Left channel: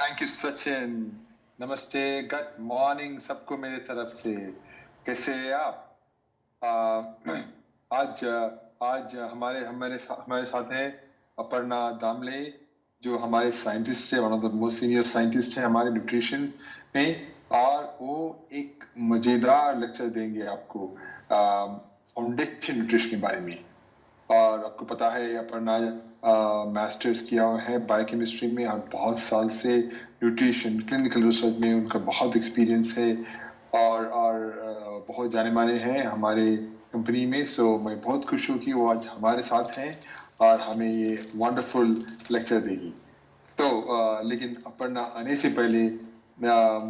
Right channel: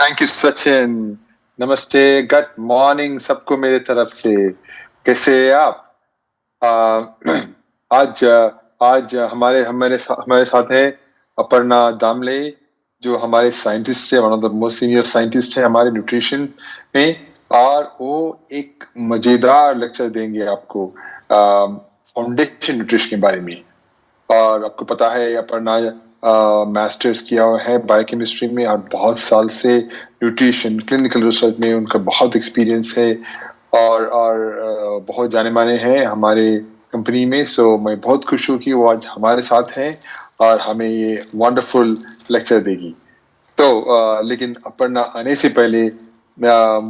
Thank you Sachin. नमस्ते, good morning सबको मेरे तरफ से। कैसे हैं आप? आ, आज आज हमारे साथ है अपर्णा दामले, जो हमारे साइंटिस्ट है, one of the most senior scientist है हमारे न्यूट्रिशन में। और वो एक मजेदार लेक्चर देंगे आपको फाउंडेशन न्यूट्रिशन के बारे में। और आपको पता है अपर्णा मास्टर्स किया हुआ है बायोकेमिस्ट्री में, और बहुत साल से न्यूट्रिशन क्लिनिकल रिसर्च में उनका बहुत एक्सपीरियंस है। और बहुत जाने माने हैं हमारे कंपनी में। सो मैं बहुत खुश हूँ कि वो आज हमारे साथ हैं और हमें ये वंडरफुल लेक्चर देगी। तो लेकिन अपर्णा आने से पहले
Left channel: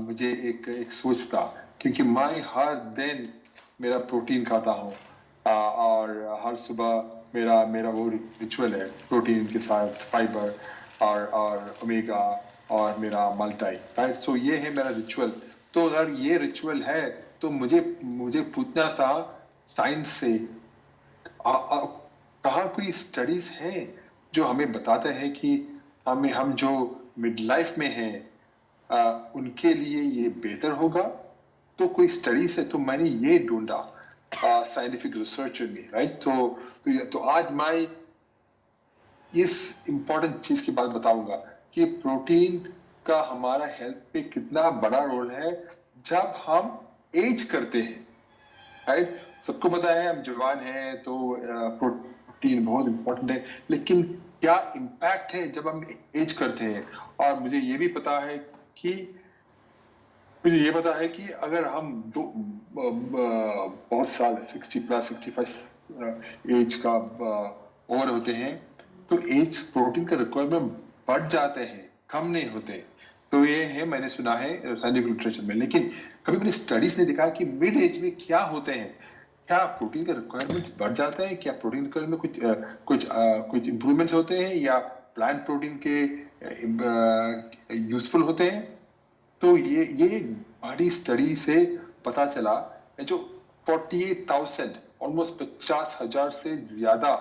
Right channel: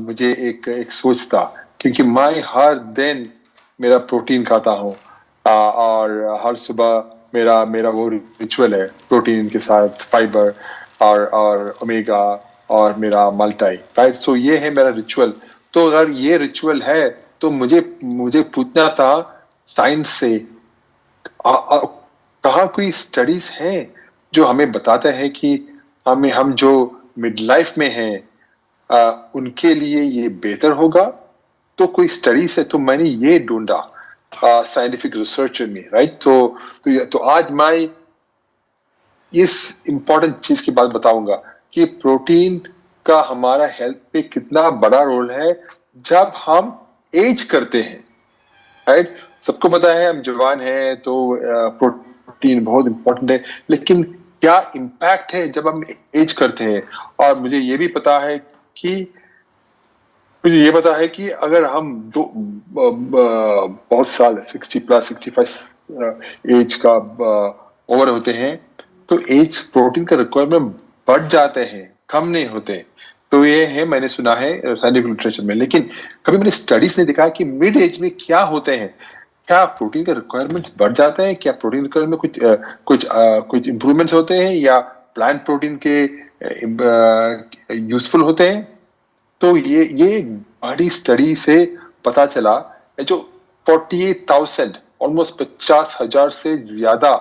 मुझे एक एक सोच था, क्योंकि मैं हर दिन मेरा प्रोटीन खाता हूँ। और हर सुबह मेरा मेरा वो रिचुअल है, प्रोटीन के साथ फाइबर और ओमेगा और मेरा मल्टाई, राइट। सो ये है मेरा रिचुअल। तो अगर ये रिचुअल है तो मुझे मुझे पूछना था साइंस से, कहाँ कोई स्टडीज हैं जो हमें बताते हैं कि हम जो मिड लाइफ में हैं उनके लिए ये बेहतर होगा। तो कोई स्टडीज है, तो मैंने ये ढूंढा साइंटिफिक रिसर्च में, राइट। तो आज मैं इस इम्पोर्टेंट चीज की बात बताऊंगा कि प्रोटीन का हमारा हेल्थ पे कितना बड़ा रोल है जब हम एज करते हैं, राइट। सबको पता है हम जवान हैं तो प्रोटीन बहुत इंपॉर्टेंट है, लेकिन क्या इम्पैक्ट है जब हम एज करते हैं। और मुझे ये पता है कि अगर हम बहुत साल 60+ 65 एज का ओवर होते हैं, तो एज प्रोटीन का रिक्वायरमेंट बढ़ जाते हैं, कम नहीं होते। तो ये है, मैंने सुना है साइंटिफिक लिटरेचर में। लेकिन कभी मैंने स्टडीज ने दिखा कि मिड एज में क्या होते हैं, क्या प्रोटीन का रिक्वायरमेंट्स बढ़ जाते हैं, क्या प्रोटीन रिक्वायरमेंट कुछ इंप्रूवमेंट्स होते हैं, या प्लांट प्रोटीन के यूजफुल होते हैं। तो ये बड़ी स्टडी से पता चला है, जो 48,000 ऑलमोस्ट 50,000 से ज्यादा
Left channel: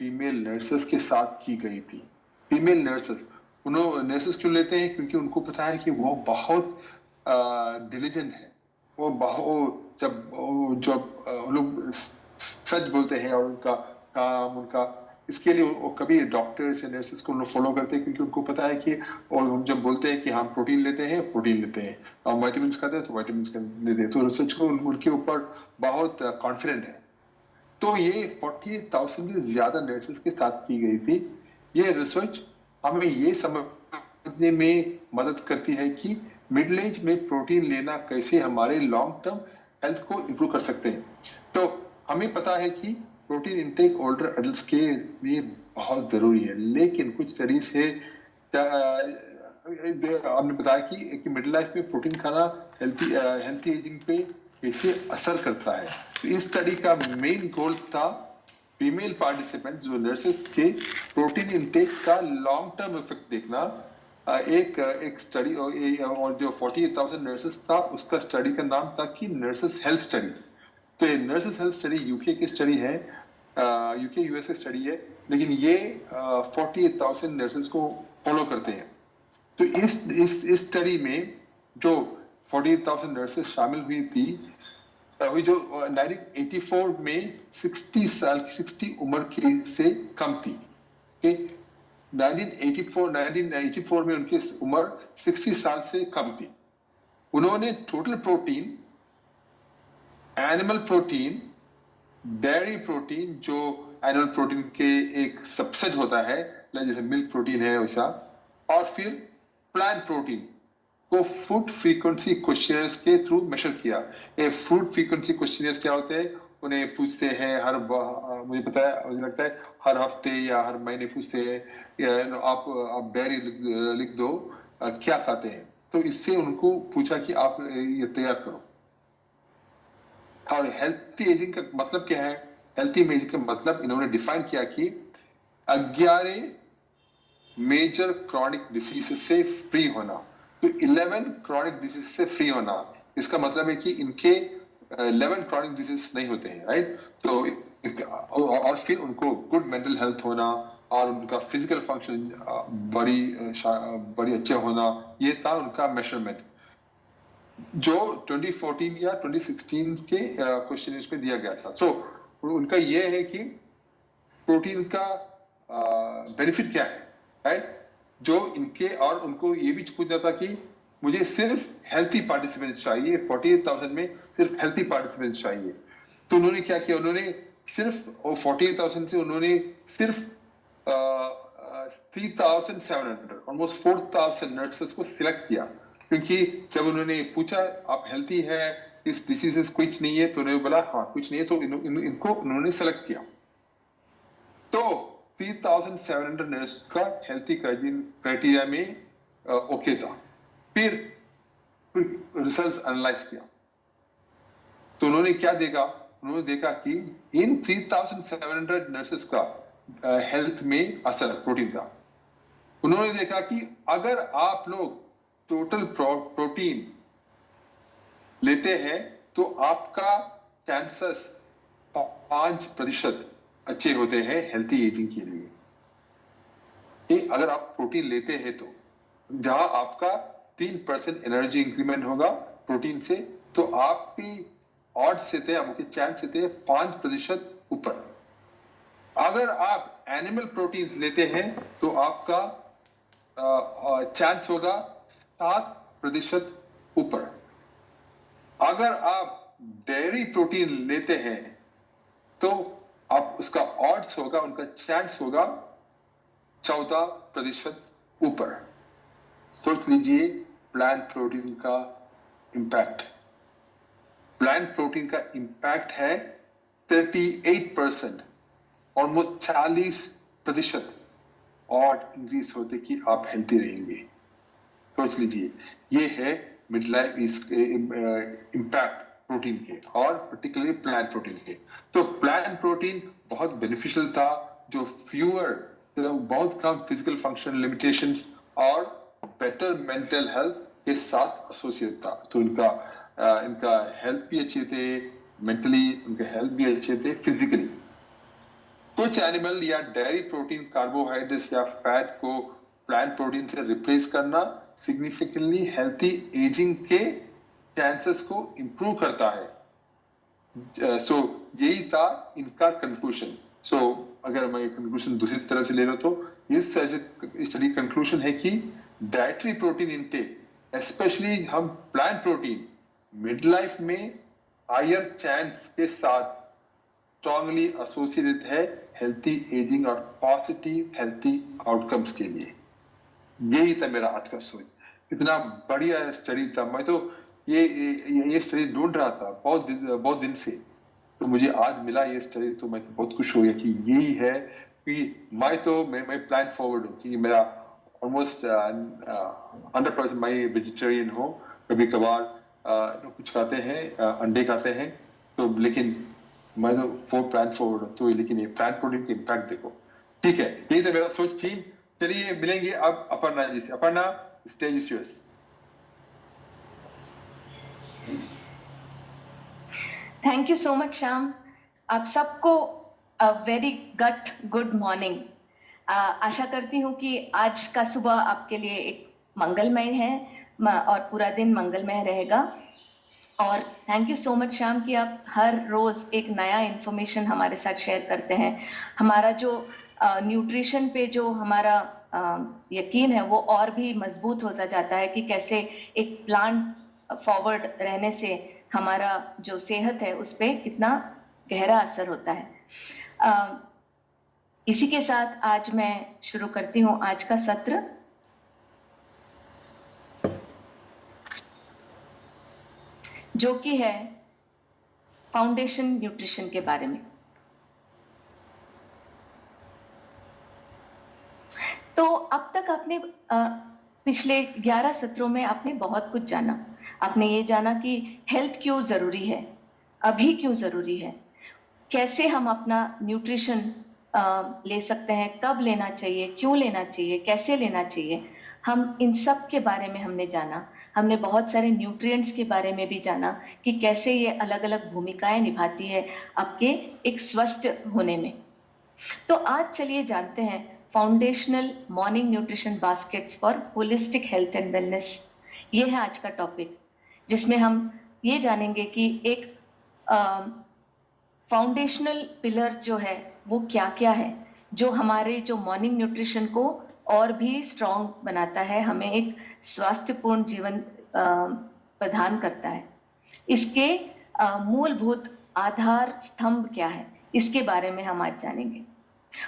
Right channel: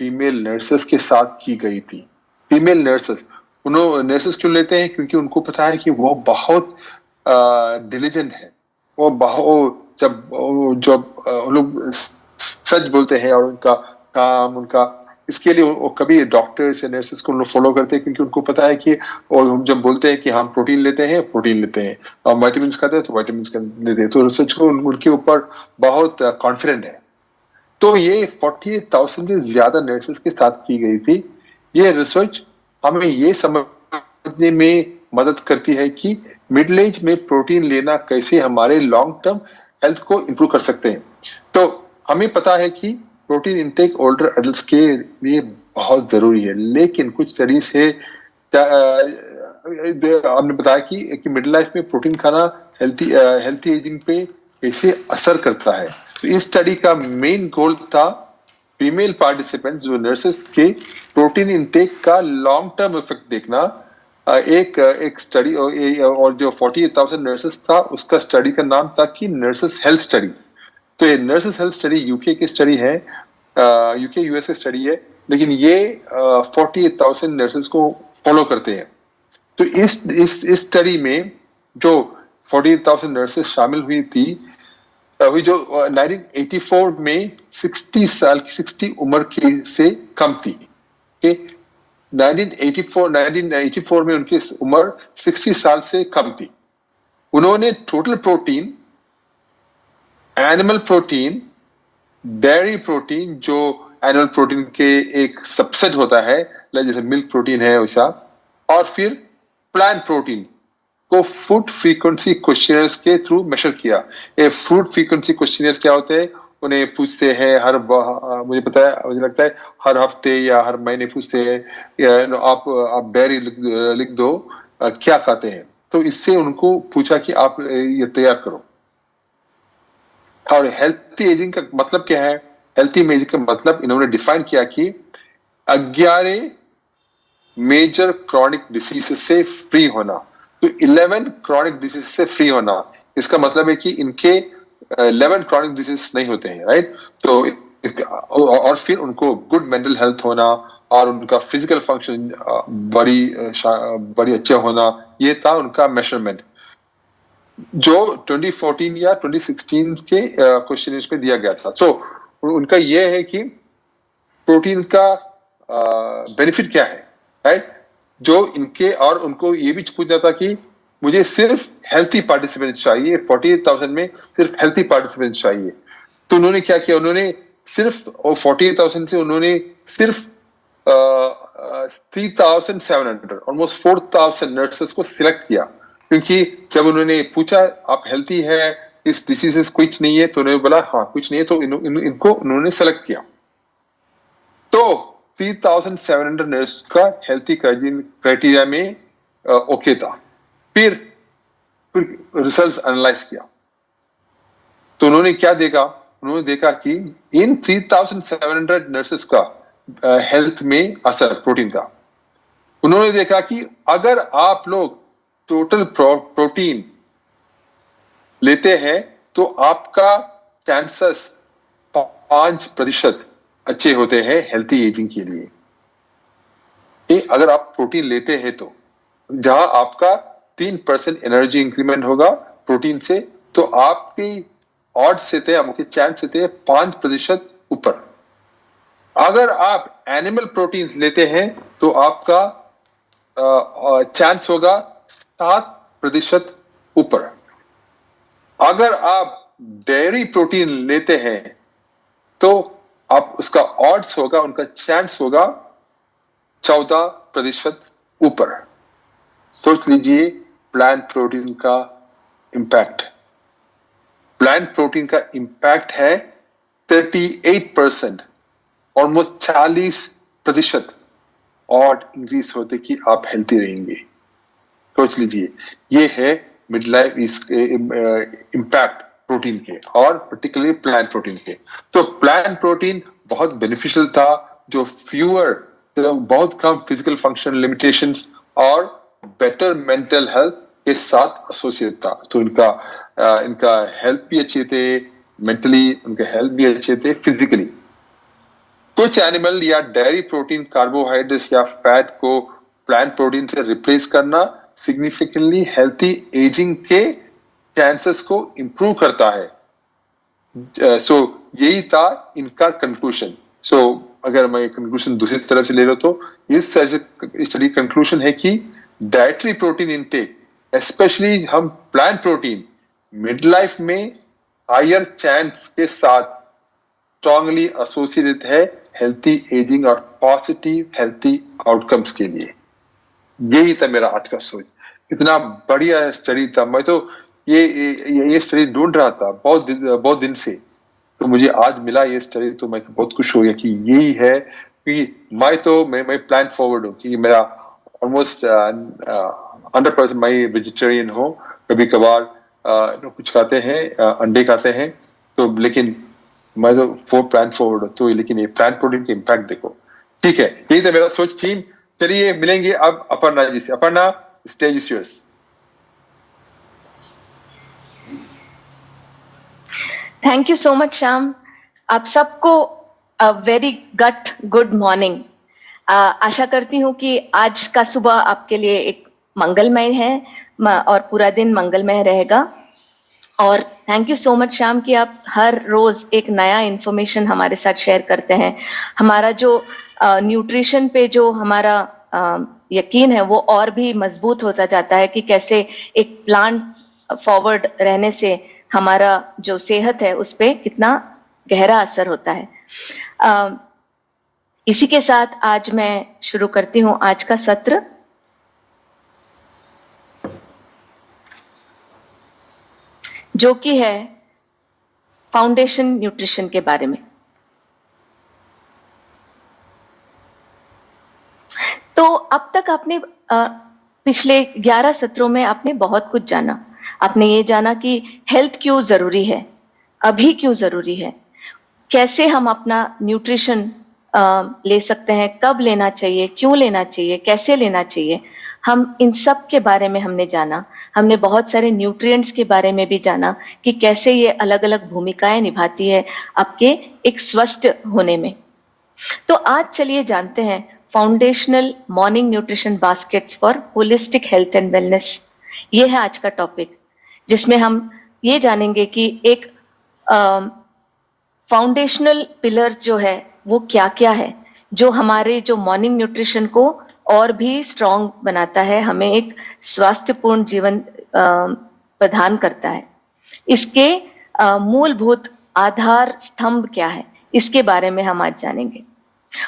फीमेल नर्सेस के साथ की गई थी। फीमेल नर्सेस, उन्होंने नर्सेस क्यों लेते हैं? क्योंकि उनको पता है कि वो बहुत डिलीजेंट है। वो बहुत जब वो लोग सच बोलते हैं, और उनका काम उनका इसके लिए वो कभी डॉक्टर्स या नर्सेस को फॉलो करते हैं, क्योंकि उनको पता है कि, और हम जब बोलते हैं कि हम प्रोटीन लेते हैं, प्रोटीन लेते हैं, और वाइटामिन खाते हैं तो वाइटामिन लेते हैं, तो रिसर्च को उनके ऊपर बहुत कॉन्फिडेंट है। तो ये 48,000 से ज्यादा नर्सेस के साथ की गई थी। ये रिसर्च हमें ये समझने में मदद करती है कि मिडिल एज में प्रोटीन लेना कैसे हमारे लॉन्ग टर्म हेल्थ को इंप्रूव कर सकते हैं। तो हमें पता है कि प्रोटीन इंटेक ओल्डर एडल्ट्स के लिए बहुत जरूरी है, लेकिन कुछ स्टडीज है आपने बताया कि मिडिल लाइफ में प्रोटीन खाना हेल्थी एजिंग पे कैसे असर करता है। तो इस स्टडी का मेन गोल था फीमेल पार्टिसिपेंट्स, जो नर्सेस के प्रोटीन इंटेक का लॉन्ग टर्म इफेक्ट देखना। एक स्टडी, और जो 48,000 नर्सेस था उसका स्टडी का नाम था कि नर्सेस हेल्थ स्टडी। तो ये नर्सेस हेल्थ स्टडी यूके की स्टडी है, यूके यूएस की स्टडी है, लेकिन ये 48,000 नर्सेस को फॉलो करते हैं। तो इस स्टडी में जो 48,000 नर्सेस शामिल हुई थी, हुई जो 1984 में 60 उम्र की से कम थी। ओके, 1984 में उनकी उम्र 60 साल से कम थी। उन्होंने total protein, animal protein, dairy protein जो एनिमल प्रोटीन के एक सबसेट होता है, जैसे मिल्क प्रोटीन है वैसा, और फिर प्लांट प्रोटीन को फूड फ्रीक्वेंसी क्वेश्चनर्स के थ्रू मेजर किया। ये फूड फ्रीक्वेंसी क्वेश्चनर्स क्या होते हैं? उन्हें पूछते हैं मुझे पता है, मुझे लगता है हर हफ्ते या हर महीने पूछते हैं, आप डायरी लिख दो क्या खाते हैं। तो इससे उनको पूछा कि आप ये तैयार करो। और हेल्थी एजिंग का मतलब क्या है? हेल्थी एजिंग का मतलब इन्होंने डिफाइन किया कि 11 मेजर क्रॉनिक डिसीज से फ्री होना। तो 11 क्रॉनिक डिसीज से फ्री होना, इसका मतलब है कि इनके 11 क्रॉनिक डिसीज नहीं होते हैं, राइट। तो और फिर उनको गुड मेंटल हेल्थ होना और उनका फिजिकल फंक्शन बड़ी अच्छा होना, ये था उनका मेजरमेंट जो 2014 या 2016 के क्वेश्चन में दिया गया था। सो उनका ये है कि प्रोटीन का बेनिफिट क्या है, राइट? जो इनके और उनको ये भी पूछना था कि मुझे सिर्फ हेल्थी पार्टिसिपेंट्स चाहिए, 48,000 में सिर्फ हेल्थी पार्टिसिपेंट्स चाहिए। तो उन्होंने क्या किया, उन्होंने सिर्फ 48,000 से उन्होंने सिर्फ 3,700 ऑलमोस्ट 4,000 नर्सेस को सिलेक्ट किया, क्योंकि जब उन्होंने पूछा आप हेल्थी है, इस डिसीज कुछ नहीं है, तो उन्होंने बोला हाँ कुछ नहीं है, तो इनको उन्होंने सेलेक्ट किया। तो 3,700 नर्स का हेल्थी क्राइटेरिया में ओके था। फिर रिजल्ट्स एनालाइज किया तो उन्होंने क्या देखा, उन्होंने देखा कि इन 3,700 नर्सेस का हेल्थ में असर प्रोटीन का, उन्होंने देखा कि अगर आप लोग टोटल प्रोटीन लेते हैं तो आपका चांसेस 5% अच्छे होते हैं हेल्थी एजिंग के लिए। अगर आप प्रोटीन लेते हैं तो जहां आपका 3% एनर्जी इंक्रीमेंट होगा प्रोटीन से, तो आपकी ऑड्स से थे, आपके चांस से थे 5% ऊपर। अगर आप एनिमल प्रोटीन लेते हैं तो आपका चांस होगा 7% ऊपर। अगर आप डेयरी प्रोटीन लेते हैं तो आप उसका ऑड्स होगा, उनका चांस होगा 14% ऊपर। सोच लीजिए प्लांट प्रोटीन का इंपैक्ट। प्लांट प्रोटीन का इंपैक्ट है 38%, ऑलमोस्ट 40% और इंक्रीज होते कि आप हेल्थी रहेंगे। सोच लीजिए, ये है मिड लाइफ इंपैक्ट प्रोटीन के और पर्टिकुलरली प्लांट प्रोटीन के। तो प्लांट प्रोटीन बहुत बेनिफिशियल था, जो बहुत कम फिजिकल फंक्शन लिमिटेशंस और बेटर मेंटल हेल्थ के साथ एसोसिएट था। तो इनका हेल्थ भी अच्छे थे, मेंटली उनके हेल्थ भी अच्छे थे, फिजिकली। कुछ एनिमल या डेयरी प्रोटीन कार्बोहाइड्रेट्स या फैट को प्लांट प्रोटीन से रिप्लेस करना सिग्निफिकेंटली हेल्थी एजिंग के चांसेस को इंप्रूव करता है। सो यही था इनका कंक्लूजन। सो अगर मैं कंक्लूजन दूसरी तरफ से ले लो तो इस स्टडी कंक्लूजन है कि डाइटरी प्रोटीन इनटेक, स्पेशली हम प्लांट प्रोटीन, मिड लाइफ में हायर चांस के साथ स्ट्रांगली एसोसिएटेड है हेल्थी एजिंग और पॉजिटिव हेल्थी आउटकम्स के लिए। यही था मेरा आज का सोच। इतना बढ़िया स्टडी था, मैं तो ये स्टडी ढूंढ रहा था बहुत दिन से, तो मुझे आज मिला ये स्टडी, तो मैं तो बहुत खुश हो गया कि यही है। कि मैं प्लान फॉरवर्ड हूँ कि मेरा ऑलमोस्ट 100% मैं वेजिटेरियन हूँ। कभी कभार कुछ खाते हैं, अंडे खाते हैं, तो लेकिन मैं तो प्लान फॉरवर्ड हूँ। तो लेकिन ये प्लांट प्रोटीन के इम्पैक्ट देखो। ठीक है, यही था मेरा सोच टीम। चलिए मिलेंगे अब अपर्णा जी से। Aparna, stage is yours. Thank you so much Shyam. आप सबको वेरी गुड मॉर्निंग। आशा करती हूँ कि आज का सुबह आपके लिए एक मंगलमय है और पूरा दिन मंगलमय रहेगा। और thank you so much Shyam कि आप हर रोज एक नया इंफॉर्मेशन हमारे साथ शेयर करते हैं। हमारा जो न्यूट्रिशन पे जो हमारा यकीन है वो और भी मजबूत होता जाता है कि कैसे एक प्लांट फॉरवर्ड रहने से हमारा जो सेहत है उस पे कितना गहरा असर होता है। इसी के साथ आज मैं शुरू करती हूँ आज का सत्र। जो कि है फाउंडेशन न्यूट्रिशन के बारे में। तो अब तक आपने पिछले 11 सत्रों में आपने बहुत कुछ जाना। आपने ये जाना कि हेल्थ क्यों जरूरी है, अभी क्यों जरूरी है, कैसे हम अपना न्यूट्रिशन ले सकते हैं, कब लेना चाहिए, क्यों लेना चाहिए, कैसे लेना चाहिए। हम इन सब के बारे में हमने जाना। हमने बहुत सारे न्यूट्रिएंट्स के बारे में भी जाना कि कैसे ये अलग अलग भूमिकाएं निभाती है आपके एक स्वस्थ होने में। तो आज चलिए जानते हैं foundational morning nutrition baskets for holistic health and wellness. ये है आज का टॉपिक, जिसमें हम ये जानेंगे कि एक फाउंडेशनल पिलर जो है वो क्या क्या है, जो हमारे जो मॉर्निंग न्यूट्रिशन को और भी स्ट्रॉन्ग बनाता है, हमें एक स्वास्थ्यपूर्ण जीवन प्रदान करता है। इसके मूलभूत आधार स्तंभ क्या है, इसके बारे में हम आज जानेंगे।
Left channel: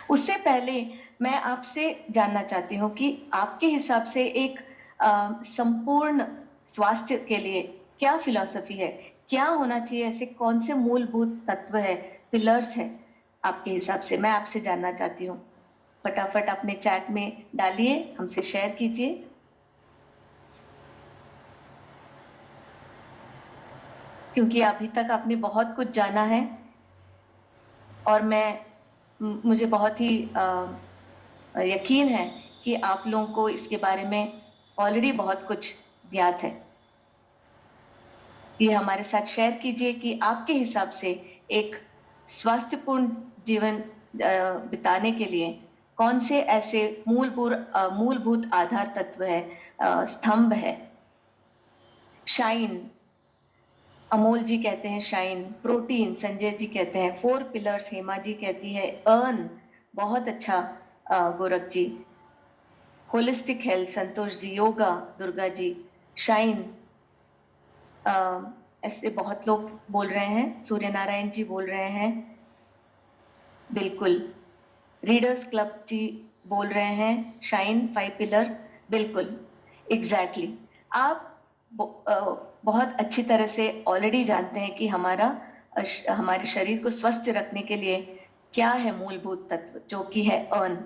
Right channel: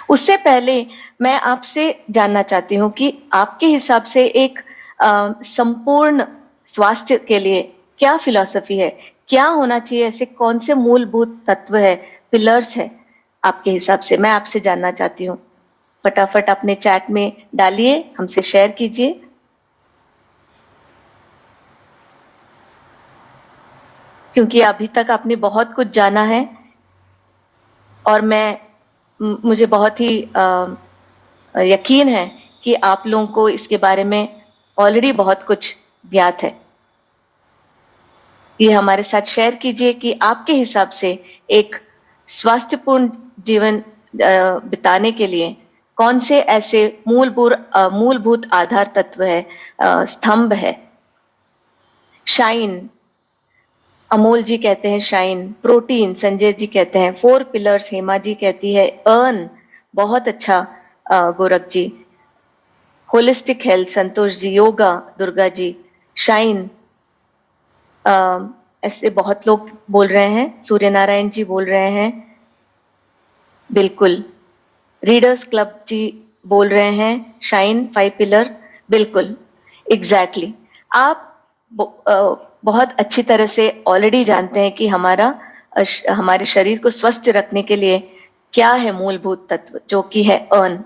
उससे पहले मैं आपसे जानना चाहती हूँ कि आपके हिसाब से एक संपूर्ण स्वास्थ्य के लिए क्या फिलॉसफी है, क्या होना चाहिए, ऐसे कौन से मूलभूत तत्व है, पिलर्स है आपके हिसाब से, मैं आपसे जानना चाहती हूँ। फटाफट अपने चैट में डालिए, हमसे शेयर कीजिए। क्योंकि अभी तक आपने बहुत कुछ जाना है और मुझे बहुत ही यकीन है कि आप लोगों को इसके बारे में ऑलरेडी बहुत कुछ ज्ञात है। ये हमारे साथ शेयर कीजिए कि आपके हिसाब से एक स्वास्थ्यपूर्ण जीवन बिताने के लिए कौन से ऐसे मूलभूत आधार तत्व है, स्तंभ है। शाइन, अमोल जी कहते हैं शाइन। प्रोटीन, संजय जी कहते हैं 4 पिलर्स। हेमा जी कहती है अर्न, बहुत अच्छा गोरख जी। Holistic health, Santosh ji. Yoga, Durga ji. Shine, ऐसे बहुत लोग बोल रहे हैं। सूर्य नारायण जी बोल रहे हैं, बिल्कुल। रीडर्स क्लब जी बोल रहे हैं शाइन 5 पिलर, बिल्कुल, एग्जैक्टली। आप बहुत अच्छी तरह से ऑलरेडी जानते हैं कि हमारे शरीर को स्वस्थ रखने के लिए क्या है मूलभूत तत्व, जो कि है अर्न।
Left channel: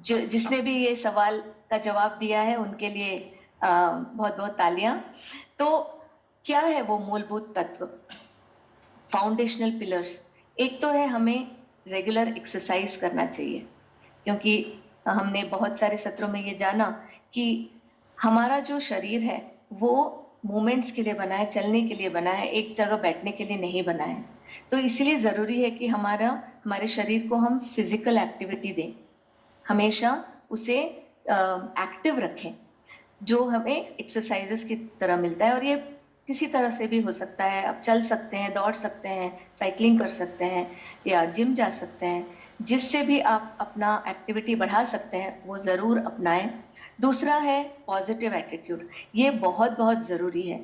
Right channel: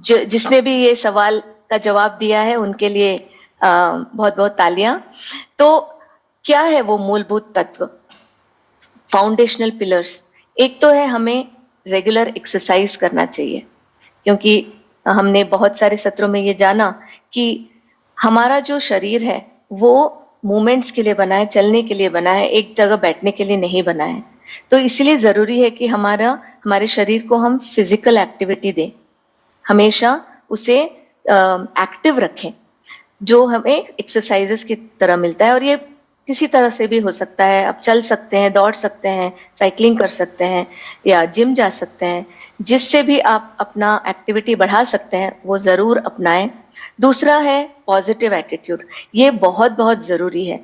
जिसने भी ये सवाल का जवाब दिया है उनके लिए बहुत बहुत तालियां। तो क्या है वो मूलभूत तत्व, फाउंडेशनल पिलर्स? एक तो है हमें रेगुलर एक्सरसाइज करना चाहिए, क्योंकि हमने बहुत सारे सत्रों में ये जाना कि हमारा जो शरीर है वो मूवमेंट्स के लिए बना है, चलने के लिए बना है, एक जगह बैठने के लिए नहीं बना है। तो इसलिए जरूरी है कि हमारे शरीर को हम फिजिकल एक्टिविटी दें, हमेशा उसे एक्टिव रखें, जो हमें एक्सरसाइजेस की तरह मिलता है। और ये किसी तरह से भी हो सकता है, आप चल सकते हैं, दौड़ सकते हैं, साइकिलिंग कर सकते हैं या जिम जा सकते हैं। जिससे भी आप अपना एक्टिविटी बढ़ा सकते हैं वो जरूर अपनाएं। दूसरा है पॉजिटिव एटीट्यूड। ये बहुत बहुत जरूरी है,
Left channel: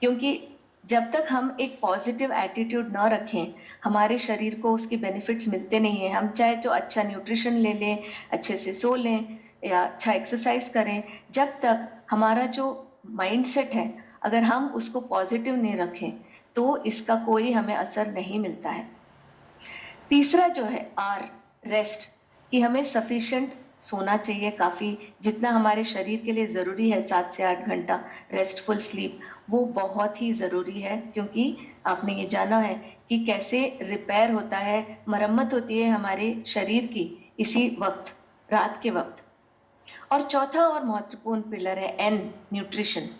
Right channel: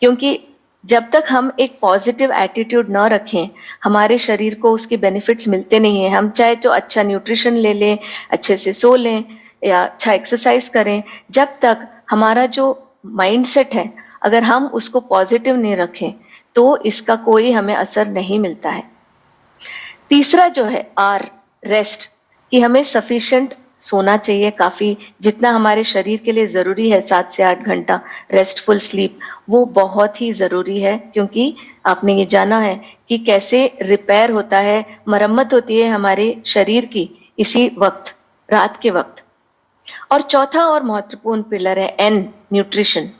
क्योंकि जब तक हम एक पॉजिटिव एटीट्यूड न रखें, हमारे शरीर को उसके बेनिफिट्स मिलते नहीं है। हम चाहे तो अच्छा न्यूट्रिशन ले लें, अच्छे से सो लें या अच्छा एक्सरसाइज करें, जब तक हमारा जो माइंडसेट है अगर हम उसको पॉजिटिव नहीं रखें तो इसका कोई हमें असर नहीं मिलता है। तीसरा जो है आर, रेस्ट, कि हमें सफिशिएंट सोना चाहिए, काफी, जितना हमारे शरीर के लिए जरूरी है 7 से 8 घंटा रेस्टफुल स्लीप, वो बहुत ही जरूरी है। क्योंकि आपने ये जाना है कि कैसे रिपेयर होता है, मरम्मत होती है हमारे शरीर की इसी वक्त, रात के वक्त। और चौथा और महत्वपूर्ण पिलर है एन, न्यूट्रिशन।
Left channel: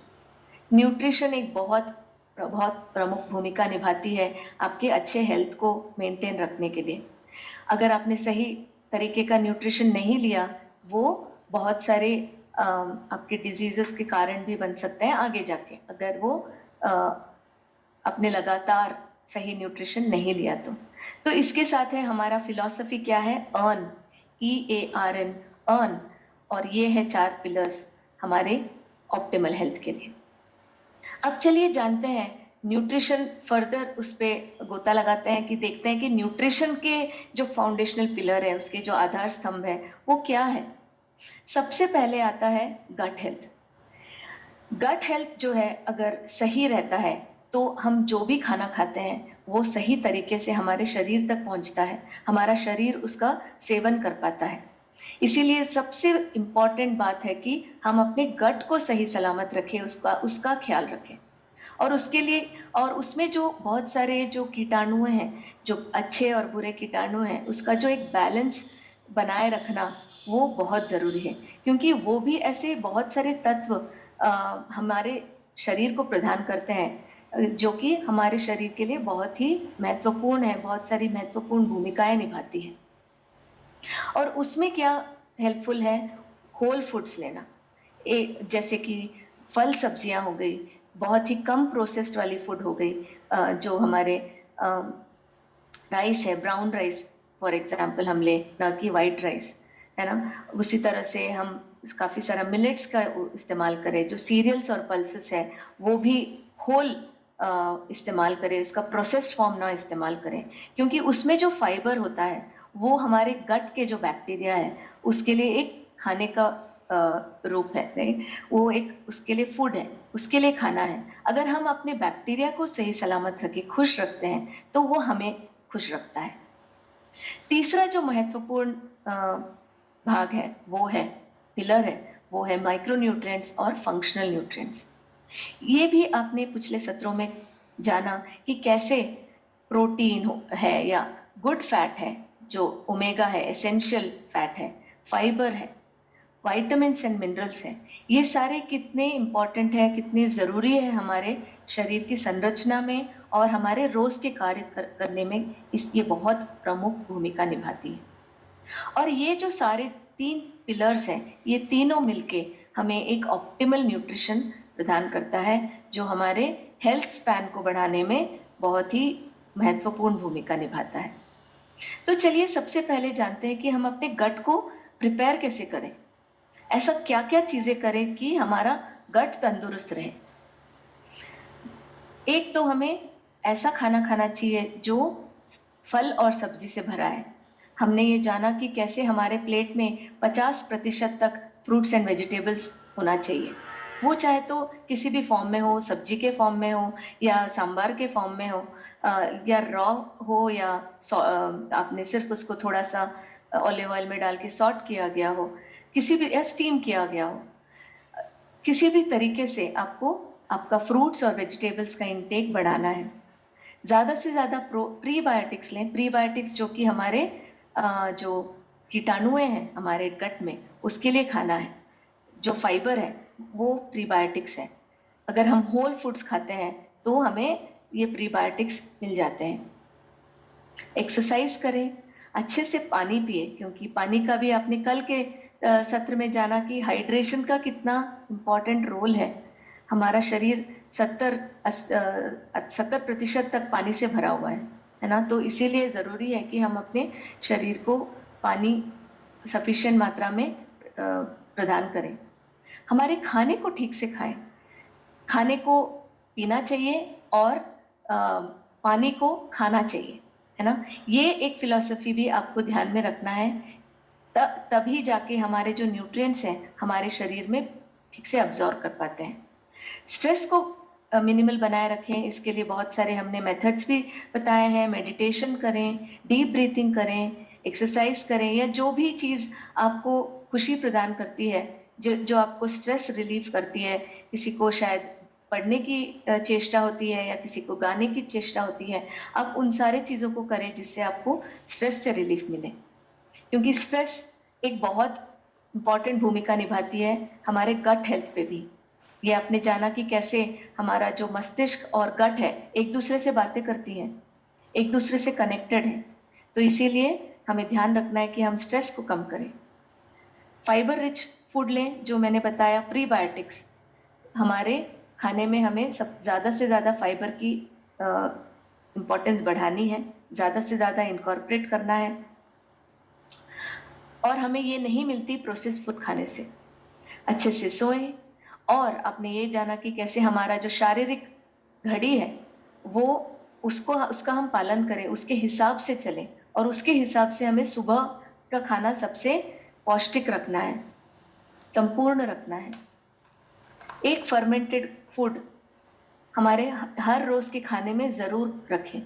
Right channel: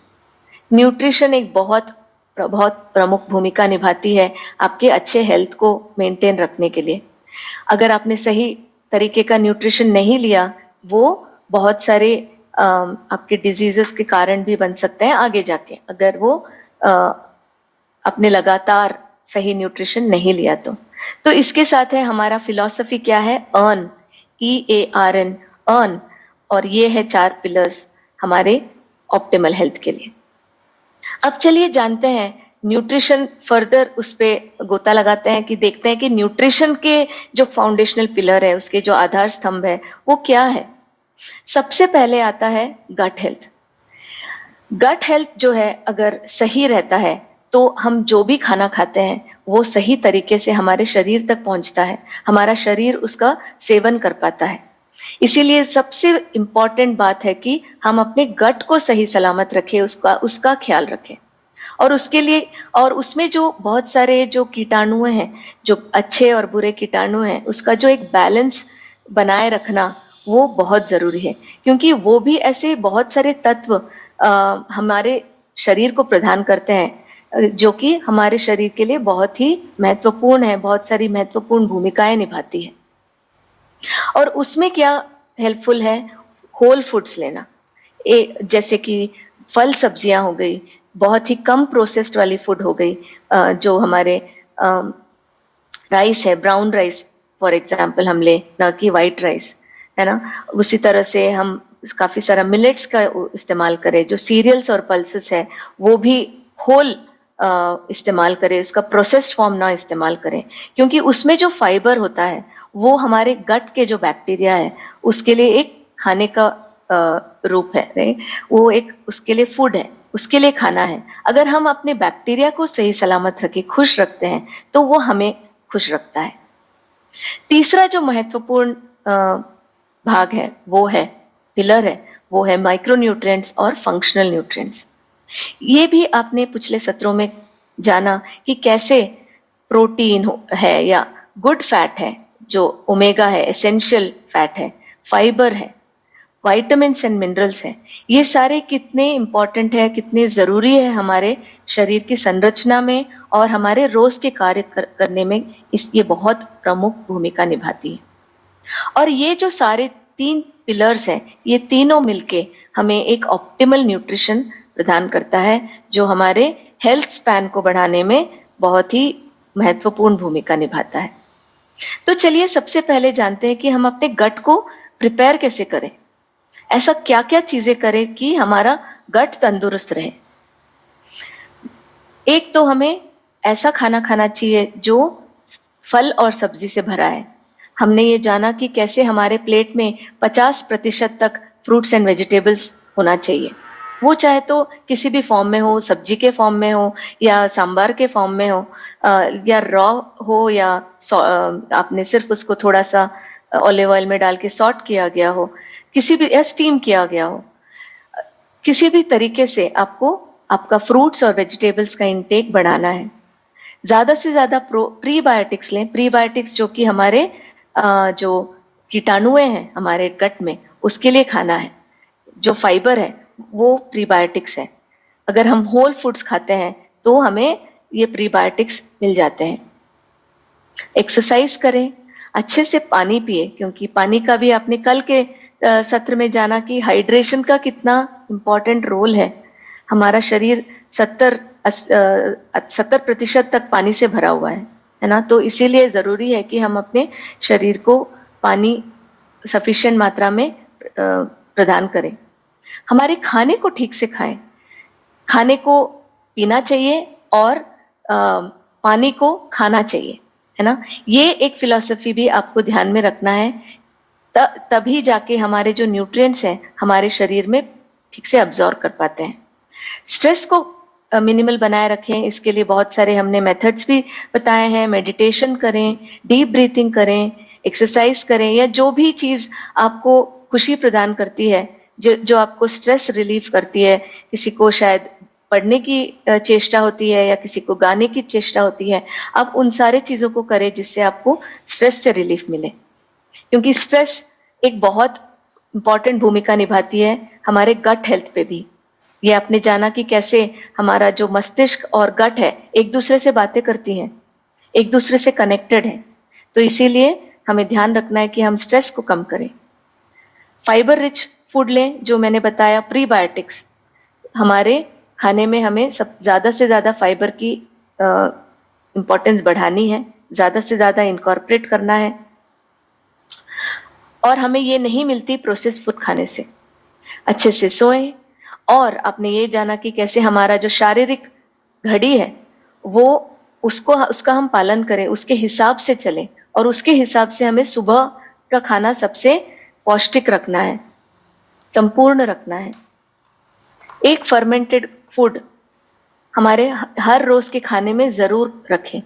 न्यूट्रिशन एक बहुत बहुत प्रमुख भूमिका निभाती है आपके अच्छे हेल्थ को मेंटेन रखने के लिए। अगर आपने सही तरीके का न्यूट्रिशन नहीं लिया, वो बहुत सारे आपके डिजीजेस के कारण भी बन सकते हैं आगे जाके, अगर वो अपने लगातार सही न्यूट्रिशन नहीं लिया तो इसके साथ है हमारा फिलॉसफी क्या है, अर्न, EARN, अर्न। और ये है 4 पिलर्स हमारे ऑप्टिमल हेल्थ के लिए। अब चलिए जानते हैं न्यूट्रिशन, फर्दर उस पे गोता लगाते हैं कि देखते हैं कि न्यूट्रिशन के जो फाउंडेशनल पिलर है, उसके जो आधार स्तंभ है वो क्या है। सबसे पहले आता है गट हेल्थ। गट हेल्थ जो है अगर सही रहता है तो हम जो भी खाना खाते हैं वो सही तरीके से हमारे शरीर तक पहुंचता है, हमारा शरीर उसका सेवन कर पाता है। इसीलिए सबसे इंपॉर्टेंट बात है कि हम अपने गट को सही सलामत रखें, उसका ख्याल रखें। और उसके लिए, और उसमें जो बहुत सारे जो कीटाणु हैं, जो अच्छे और बुरे कीटाणु हैं, उसका जो एक बैलेंस बनाए रखना, वो बहुत जरूरी है, क्योंकि वो भी ऐसे बहुत सारे तत्व हमारे शरीर को प्रदान करते हैं जो कि हमारे शरीर के लिए बहुत ही महत्वपूर्ण है, बहुत सारी महत्वपूर्ण भूमिकाएं निभाती है। और उसमें क्या हेल्पफुल है, होल फूड्स लेना, जैसे कि फल सब्जियां हो गई, बहुत ही कम प्रोसेस्ड वाली फूड हो गई, जो हमारे राइस है, ब्राउन राइस फॉर एग्जाम्पल हम ले, ना कि वाइट राइस, है ना। उसी तरह से हम काफी सारा मिलेट्स का इस्तेमाल करें, जो सीरियल्स और पल्सेस है वो भी होल इस्तेमाल करें, उसका प्रोसेस्ड फॉर्म ना इस्तेमाल करें, क्योंकि उसमें जो फाइबर होता है वो हमारे गट के जो बैक्टीरिया है उसके लिए एक खाने का रूप है, राइट। वो एक उसके लिए फूड है, उसके लिए खाना है। अगर हम अपने बैक्टीरिया को सही सलामत रखे, खुश रखते हैं, तो वो हमें खुश रखता है। तीसरा जो महत्वपूर्ण भाग है, वो है पिलर है, वो है माइक्रोन्यूट्रिएंट्स और फंक्शनल न्यूट्रिएंट्स। ये भी आपने पिछले सत्रों में जाना कि कैसे प्रोटीन है या गुड फैट है, जो ओमेगा है, एसेंशियल फैट है, फाइबर है, विटामिन्स एंड मिनरल्स हैं, ये सारे कितने इंपॉर्टेंट है, कितने जरूरी है हमारे शरीर की संरचना में और हमारे रोज के कार्य करने में, ये बहुत प्रमुख भूमिका निभाती है। और ये जो सारे तीन पिलर्स हैं, ये तीनों मिलके हमें एक ऑप्टिमल न्यूट्रिशन प्रदान करता है, जो हमारे हेल्थ स्पैन को बढ़ाने में बहुत ही महत्वपूर्ण भूमिका निभाता है। तो चलिए सबसे पहले जानते हैं कि हम अपने गट को प्रिपेयर कैसे करें, ऐसा क्या क्या चीजें करें कि हमारा गट तंदुरुस्त रहे। एक तो हमें ऐसा खाना खाना चाहिए जो फल और सब्जी से भरा है। हमने ये जाना कि कैसे हमारे प्लेट में 50% तक फ्रूट्स एंड वेजिटेबल्स होना चाहिए, वो चाहे तो किसी भी फॉर्म में हो, सब्जी के फॉर्म में हो या सांबार के फॉर्म में हो, या रॉ हो, या आपने सिर्फ उसको थोड़ा सा ऑलिव ऑयल में डाल के सॉट किया गया हो, किसी भी, या स्टीम किया गया हो। किसी भी तरीके से आपको आपका फ्रूट्स और वेजिटेबल्स का इंटेक बढ़ाना है। ज्यादा से ज्यादा प्रीबायोटिक्स लें, प्रीबायोटिक्स जो कि हमारे जो कीटाणुएं हैं हमारे गट में, उसके लिए खाना है। जो फाइबर है वो प्रीबायोटिक्स है। अगर हम होल फूड्स खाते हैं तो हमें ये प्रीबायोटिक्स मिल जाते हैं। एक्सरसाइज करें, अच्छे से पानी पिए, क्योंकि पानी का भी आपने कल के सत्र में जाना कि हाइड्रेशन का कितना इम्पोर्टेंट रोल है। हमारा शरीर 70% तक पानी से भरा हुआ है ना। तो इसीलिए जरूरी है कि हम अपने शरीर को पानी सफिशिएंट मात्रा में प्रदान करें। हमारे खाने को ठीक से खाएं, खाने को पीना चाहिए और पानी को खाना चाहिए, है ना। ये एक फिलॉसफी भी आपको ध्यान में रखना है, तभी जाके हमारे जो न्यूट्रिएंट्स हैं हमारे शरीर में ठीक से अब्जॉर्ब कर पाते हैं। स्ट्रेस को मिनिमल बनाए रखें, इसके लिए बहुत सारे हमने मेथड्स भी बताए हैं। मेडिटेशन करें, डीप ब्रीथिंग करें, एक्सरसाइज करें, या जो भी चीज आपको खुशी प्रदान करती है, जो आपको स्ट्रेस रिलीफ करती है। किसी को शायद पढ़ने की चेष्टा होती है या किसी को गाने की चेष्टा होती है। आप उन सारे चीजों को करें जिससे आपको स्ट्रेस से रिलीफ मिले, क्योंकि स्ट्रेस एक बहुत इंपॉर्टेंट भूमिका निभाती है हमारे गट हेल्थ पे भी। ये आपने जाना कि कैसे हमारा जो मस्तिष्क और गट है एक दूसरे से बातें करती हैं, एक दूसरे से कनेक्टेड है। तो इसीलिए हमें ध्यान रखना है कि हम स्ट्रेस को कम करें। फाइबर रिच फूड लें, जो मैंने बताया, प्रीबायोटिक्स। हमारे खाने में हमें सब ज्यादा से ज्यादा फाइबर की इंपॉर्टेंस बढ़ानी है, ज्यादा से ज्यादा इनकॉर्पोरेट करना है। और हमें ये नहीं मिलती प्रोसेस फूड खाने से। अच्छे से सोएं, और आपने ये जाना कि कैसे हमारा जो शारीरिक घड़ी है वो उसका हम पालन करें, उसके हिसाब से चलें, और उसके हिसाब से हमें सुबह का खाना सबसे पौष्टिक रखना है, संपूर्ण रखना है। एक फर्मेंटेड फूड हमारे हर रोज के खाने में जरूर रखें।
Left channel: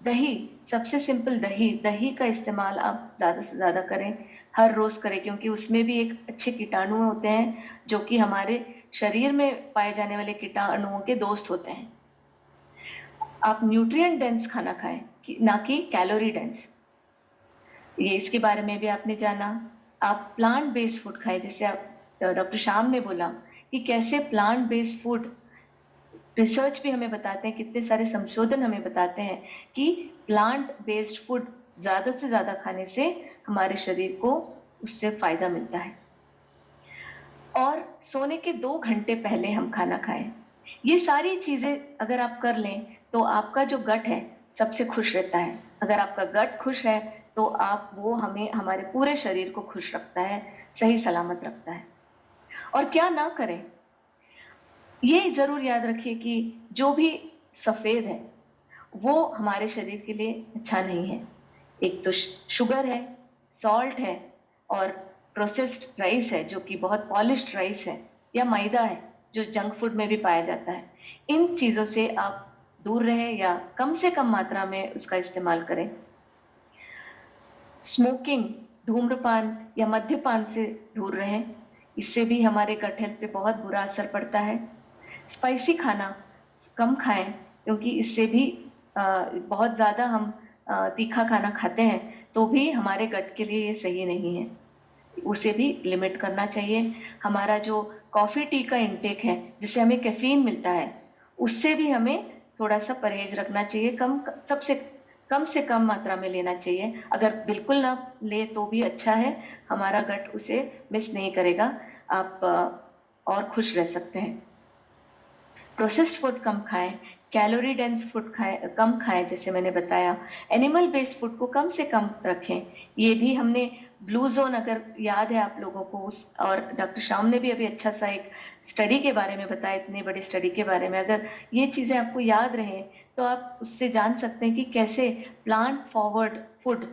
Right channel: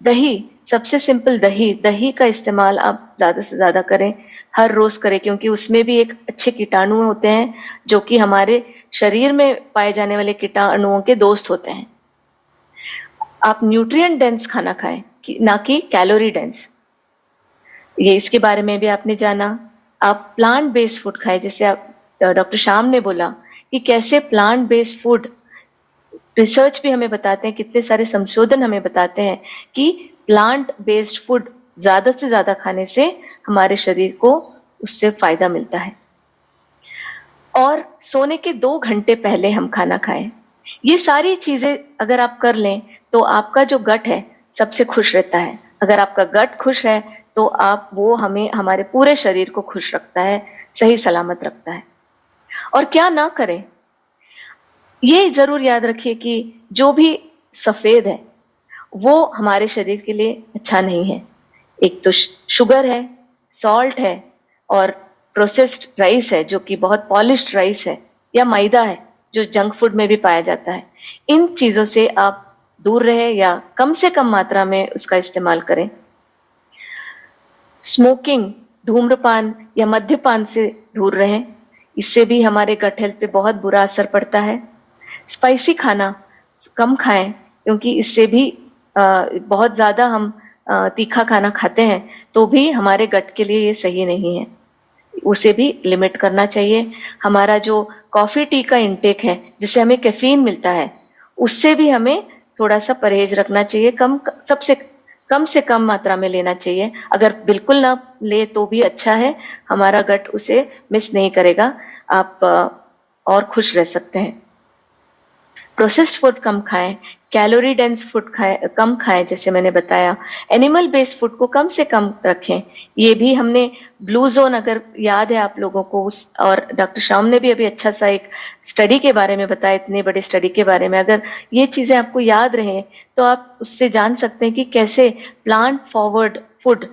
दही, सबसे सिंपल दही, दही का इस्तेमाल आप ज्यादा से ज्यादा करें, हर रोज करें, क्योंकि उसमें भी एक अच्छे कीटाणु होते हैं जो कि हमारे शरीर में पाए जाने वाले कीटाणुओं के दोस्त होते हैं। आप न्यूट्रिएंट डेंस खाना खाएं, ना कि कैलोरी डेंस। ये इसके बारे में भी आपने जाना। आप प्लांट बेस्ड फूड खाएं, जैसे आप डॉक्टर श्याम ने बोला कि कैसे प्लांट बेस्ड फूड, रिसर्च भी हमें बताते हैं, कितने सारे संशोधन हमें बताते हैं कि प्लांट बेस्ड फूड ज्यादा से ज्यादा खाने से हमारे शरीर को उससे फायदा मिलता है। और सोने के 2 घंटे पहले हम खाना खाएं। ये सारी चीजें अगर आप कर लें तो आपका जो गट है सबसे खुश रहता है। अगर आपका गट खुश है तो आप वो हमें हमारे पूरे शरीर को खुश रखता है, सही सलामत रखता है। और क्या ना करें, ये जरूर याद रखिए कि जो भी सफेद है वो हमारे शरीर के लिए अच्छा नहीं है। एक तो शुगर है, सॉल्ट है, और प्रोसेस्ड राइस है जो कि बहुत पॉलिश्ड राइस है, या मैदा है जो जंक फूड में भी पाया जाता है। इन चीजों से आप दूर रहे या कम से कम मात्रा में उसका इस्तेमाल करें। स्मोकिंग, धूम्रपान या मद्यपान से दूर रहें, इससे भी हमारे गट हेल्थ पे बहुत बुरा असर पड़ता है। स्पाइसी खाना कम खाएं, क्योंकि इससे भी बहुत ज्यादा हम तीखा खाना खाते हैं तो भी हमारे गट के लिए ये सही नहीं है, उसे भी लिमिट करना चाहिए। हमारा जो कॉफी टी का इंटेक है जिससे हमें कैफीन मिलता है, उससे भी हमें थोड़ा सा परहेज रखना चाहिए, कम से कम मात्रा में लेना चाहिए। अगर बिल्कुल ना ले तो भी अच्छा है, हमारा गट उसे मिस नहीं करेगा, आप और खुश रह सकते हैं। प्रोसेस्ड फूड कम खाएं, कैलोरी डेंस फूड कम खाएं, जैसे मैंने बताया। एनिमल बेस्ड फूड को कम से कम रखें। ये भी हमने ब्लू जोन, अगर याद है आप लोगों को, उस और डॉक्टर श्याम ने भी अभी अच्छा सा एक स्टडी के बारे में बताया, इतने बड़े स्टडी के बारे में। अगर ये चीजें आपको याद रहे तो आप उससे जान सकते हैं कि कैसे प्लांट फॉरवर्ड फूड,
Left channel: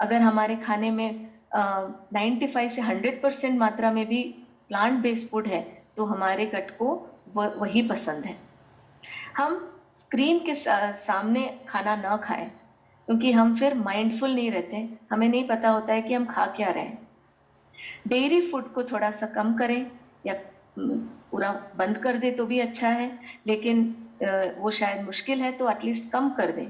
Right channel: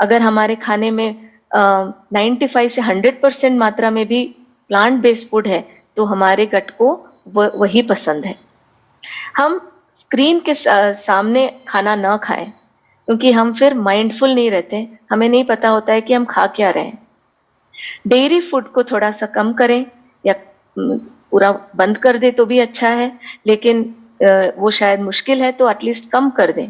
अगर हमारे खाने में 95 से 100% मात्रा में भी प्लांट बेस्ड फूड है तो हमारे गट को वही पसंद है। हम स्क्रीन के सामने खाना ना खाएं, क्योंकि हम फिर माइंडफुल नहीं रहते, हमें नहीं पता होता है कि हम खा क्या रहे हैं। डेयरी फूड को थोड़ा सा कम करें या पूरा बंद कर दे तो भी अच्छा है, लेकिन वो शायद मुश्किल है तो एटलीस्ट कम कर दें।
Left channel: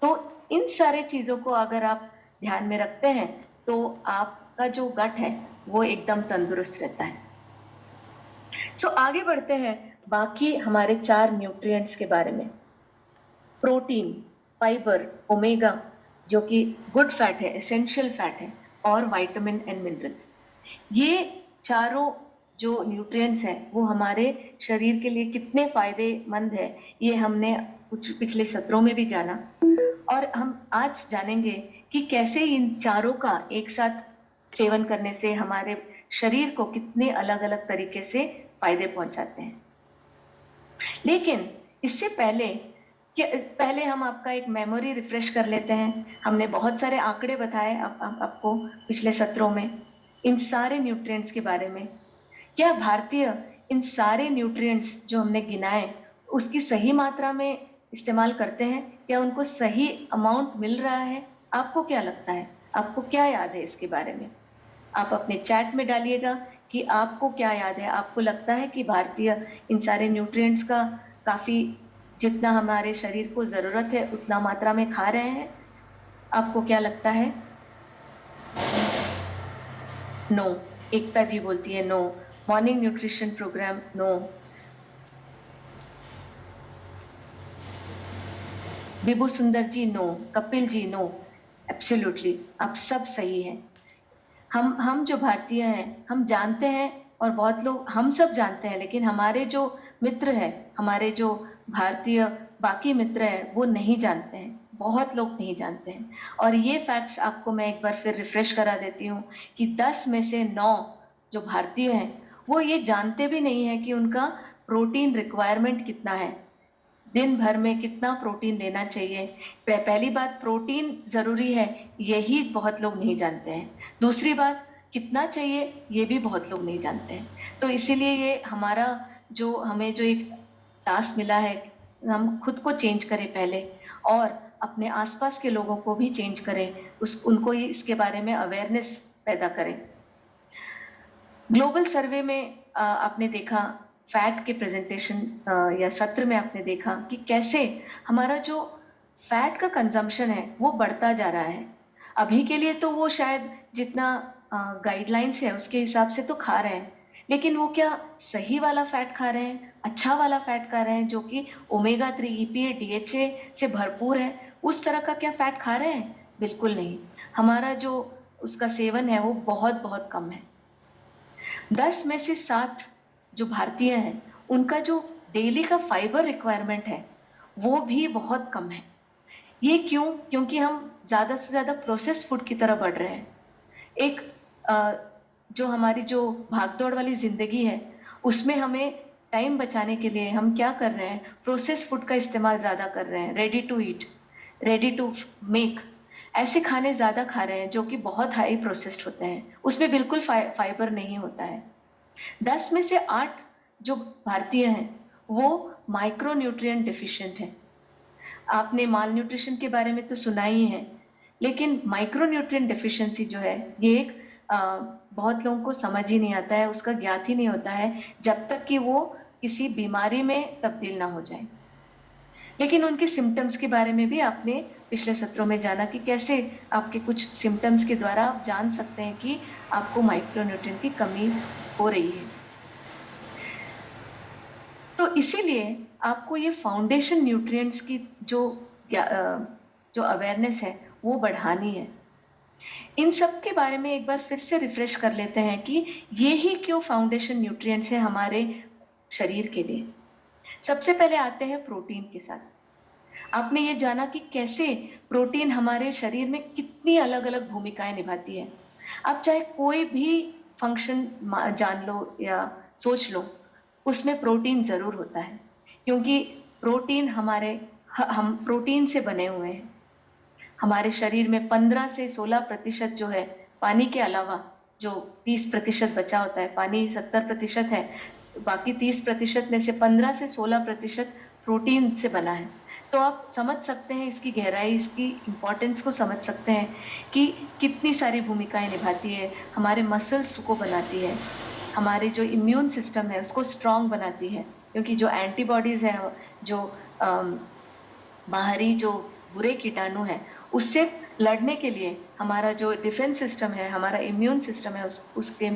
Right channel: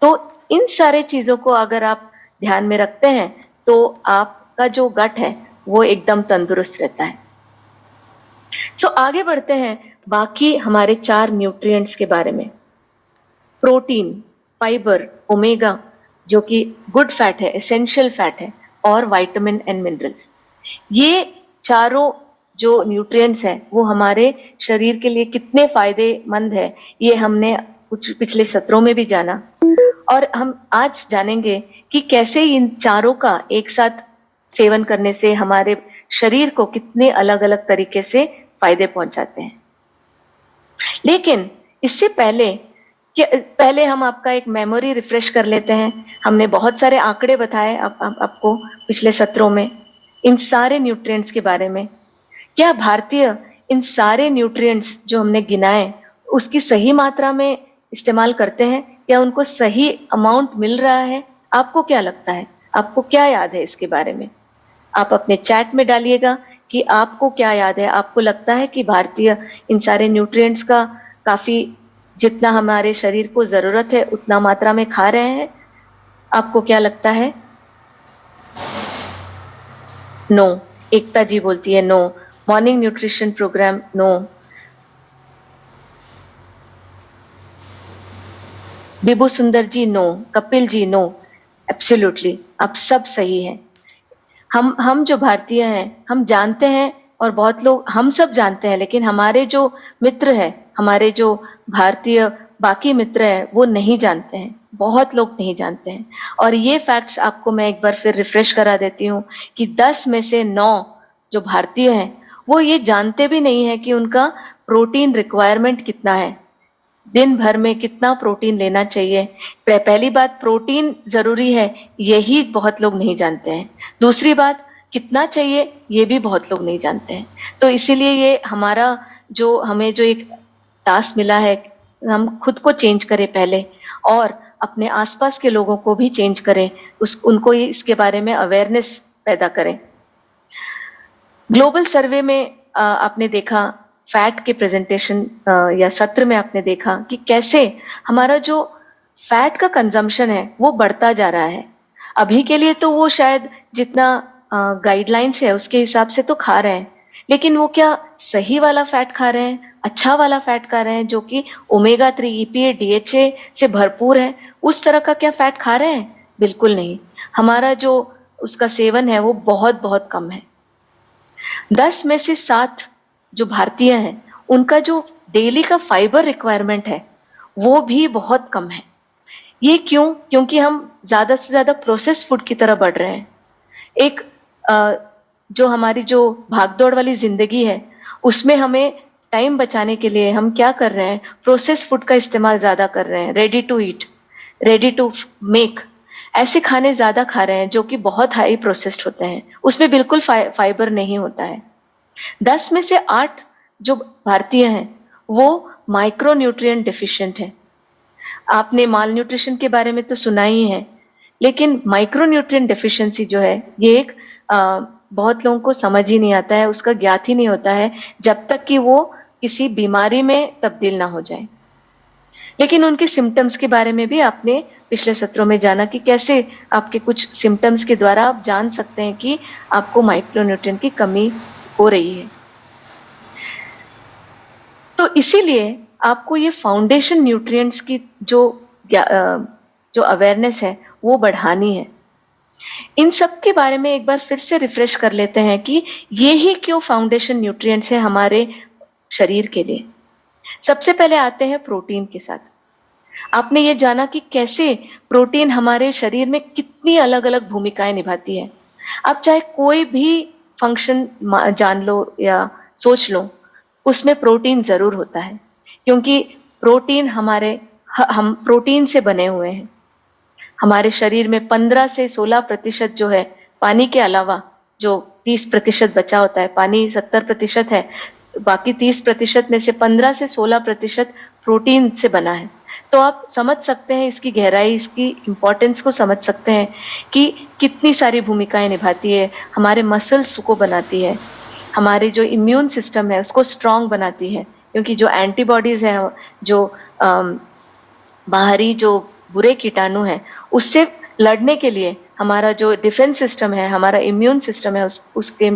तो इन सारे चीजों को अगर आप ध्यान में रखते हैं तो आपका जो गट है वो एकदम तंदुरुस्त रहता है। आगे बढ़ते हैं बाकी हमारे 4 न्यूट्रिएंट्स के बारे में। प्रोटीन, फाइबर, ओमेगा जो कि गुड फैट है, एसेंशियल फैट है, और विटामिन एंड मिनरल्स। ये चारों जो न्यूट्रिएंट्स हैं वो हमारे शरीर के लिए कितने फायदेमंद है, ये हमने कुछ पिछले सत्रों में भी जाना, और हम आज जानेंगे कि कैसे इन चारों का एक साथ सेवन करने से हमारे शरीर को कितने अलग अलग तरीके से फायदे पहुंचाते हैं। लेकिन इससे पहले हम आपका एक मेमोरी रिफ्रेश कर लेते हैं। हमने बहुत सारे आंकड़े बताए आपको पिछले सत्रों में इन सारे न्यूट्रिएंट्स के बारे में। क्या भारतीय इन सारे न्यूट्रिएंट्स जो हमने गिनाए उसकी सही मात्रा में इस्तेमाल करते हैं? क्या उनको सही अमाउंट मिल रहा है? आपको क्या लगता है? आपको क्या याद है इसके बारे में? आप अपने चैट में डालिएगा कि आपको क्या याद है। आपको लगता है कि भारतीय इन सारे न्यूट्रिएंट्स का काफी, जितना हमारे शरीर को जरूरत है उतना मात्रा में खा रहे हैं? आपको क्या लगता है? नो। एकता जी बोलती है no. Morning nutrition program, no. Bibu Sundar ji no. Kapil ji no. Absolutely, आप सब सही हैं। हम जो भारतीय हैं हम जानते हैं, और बहुत लोग, हम सब जानते हैं, लेकिन हमारे जो मित्र हैं, हमारे जो भारतीय बाकी मित्र हैं वो नहीं जानते हैं, बहुत लोग नहीं जानते हैं। और ये फैक्ट्स आपको मैं एक बार फिर रिफ्रेश करा देती हूँ कि 10 में से 9 जो भारतीय हैं वो ये जानते भी नहीं है कि उनका प्रोटीन रिक्वायरमेंट कितना है, दिन भर में कितना प्रोटीन लेना चाहिए। पहली बात, प्रोटीन जरूरी है, यही बहुत लोग नहीं जानते हैं। दूसरी बात, कितना चाहिए ये भी बहुत लोग नहीं जानते हैं। तो इसीलिए ये हमारा जो हमें जो एक टास्क मिला है, हम खुद को चेंज करें पहले, और अपने आसपास के लोगों को भी चेंज करें, उनको इसके बारे में अवेयरनेस पैदा करें। ग्लोबल सर्वे में आपने देखा, फैट के प्रेजेंटेशन या सत्र में आपने देखा कि कैसे हमारा जो फैट का कंजम्पशन है वो बढ़ता जा रहा है। अभी के लिए तो वो शायद जितना गाइडलाइंस है उसके हिसाब से तो खा रहे हैं, लेकिन वो क्या सही वाला फैट खा रहे हैं, अच्छा वाला फैट खा रहे हैं जो कि ओमेगा 3 ईपीए डीएचए से भरपूर है, उस तरह का क्या फैट खा रहे हैं? बिल्कुल नहीं। हमारा जो उसका सेवन है वो बहुत बहुत कम है। 10 में से 7 जो भारतीय हैं उनका जो डेली का फाइबर रिक्वायरमेंट है वो भी बहुत कम है। ये क्यों? क्योंकि हम ज्यादा से ज्यादा प्रोसेस फूड की तरह बढ़ रहे हैं। एक जो हमारी जो भागदौड़ वाली जिंदगी है उसमें हमें टाइम बचाने के लिए हम क्या कर रहे हैं, प्रोसेस फूड का इस्तेमाल ज्यादा कर रहे हैं, ready to eat, ready to make, ऐसे खाने ज्यादा खा रहे हैं जो कि बहुत हाई प्रोसेस्ड होते हैं, उसमें बिल्कुल फाइबर नहीं होता है। 10 में से 8 जो भारतीय हैं वो माइक्रो न्यूट्रिएंट डिफिशिएंट हैं। आपने माल न्यूट्रिशन के बारे में तो सुना ही है, लेकिन माइक्रो न्यूट्रिएंट डेफिशिएंसी जो है ये एक बहुत लोगों को समझ ही नहीं आता है, उसका ज्ञात ही नहीं होता है जब तक कि वो किसी बीमारी में तब्दील ना हो जाए। लेकिन उनके सिम्टम्स के बारे में भी आपने पिछले सत्रों में जाना कि कैसे आपके कुछ सिम्टम्स के द्वारा आप जान सकते हैं कि आपको माइक्रोन्यूट्रिएंट की कमी हो रही है। तो इसीलिए आपको ये फाउंडेशन न्यूट्रिएंट्स की जो अवेयरनेस है वो बढ़ानी है। इन सब के बारे में एक बार फिर से रिफ्रेश कर लेते हैं कि ये ही क्यों फाउंडेशन न्यूट्रिएंट्स है हमारे शरीर के लिए। सबसे पहले आते हैं प्रोटीन के साथ। आपने ये जाना कि कैसे प्रोटीन हमारे शरीर में कितनी अलग अलग भूमिकाएं निभाती है। आप चाहे कोई भी फंक्शन जान लो या सोच लो, उसमें प्रोटीन जरूर होता है, क्योंकि प्रोटीन हम प्रोटीन से बने हुए हैं। हमारे शरीर में 15 से 16% जो है पानी के अलावा, जो 30% बचा होता है, पानी 70% है, बाकी 30% में से 15 से 16% प्रोटीन से बना है। तो आप समझ सकते हैं इसकी गहराई, इसकी इंपॉर्टेंस को समझ सकते हैं कि कितनी सारी भूमिकाएं निभाती है। हमारे मसल्स को बनाती है, हमारे जो इम्यून सिस्टम है उसको स्ट्रांग बनाती है, क्योंकि जो एंटीबॉडीज है, जो बाहरी जो बुरे कीटाणु हैं उससे लड़ने के लिए हमारा जो डिफेंस सिस्टम है, हमारा इम्यून सिस्टम है,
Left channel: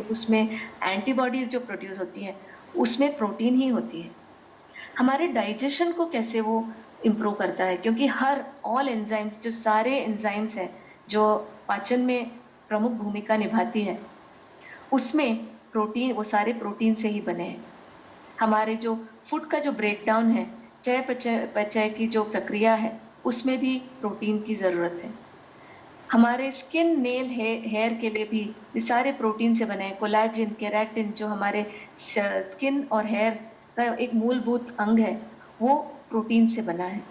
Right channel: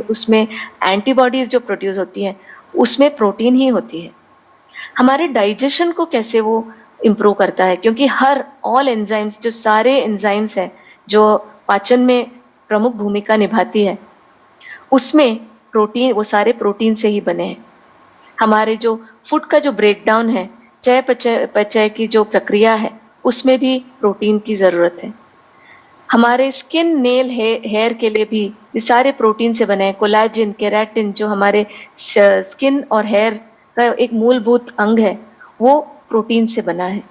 उसमें एंटीबॉडीज जो प्रोड्यूस होती है उसमें प्रोटीन ही होती है। हमारे डाइजेशन को कैसे वो इम्प्रूव करता है, क्योंकि हर ऑल एंजाइम्स, जो सारे एंजाइम्स हैं जो पाचन में प्रमुख भूमिका निभाती है, उसमें प्रोटीन, वो सारे प्रोटीन से ही बने हैं। हमारे जो फूड का जो ब्रेकडाउन है, चय पचय की जो प्रक्रिया है, उसमें भी प्रोटीन की जरूरत है। हमारे स्किन, नेल, हेयर के लिए भी ये सारे प्रोटीन से बने हैं। कोलेजन, केराटिन जो हमारे स्किन और हेयर का एक मूलभूत अंग है, वो प्रोटीन से बना है।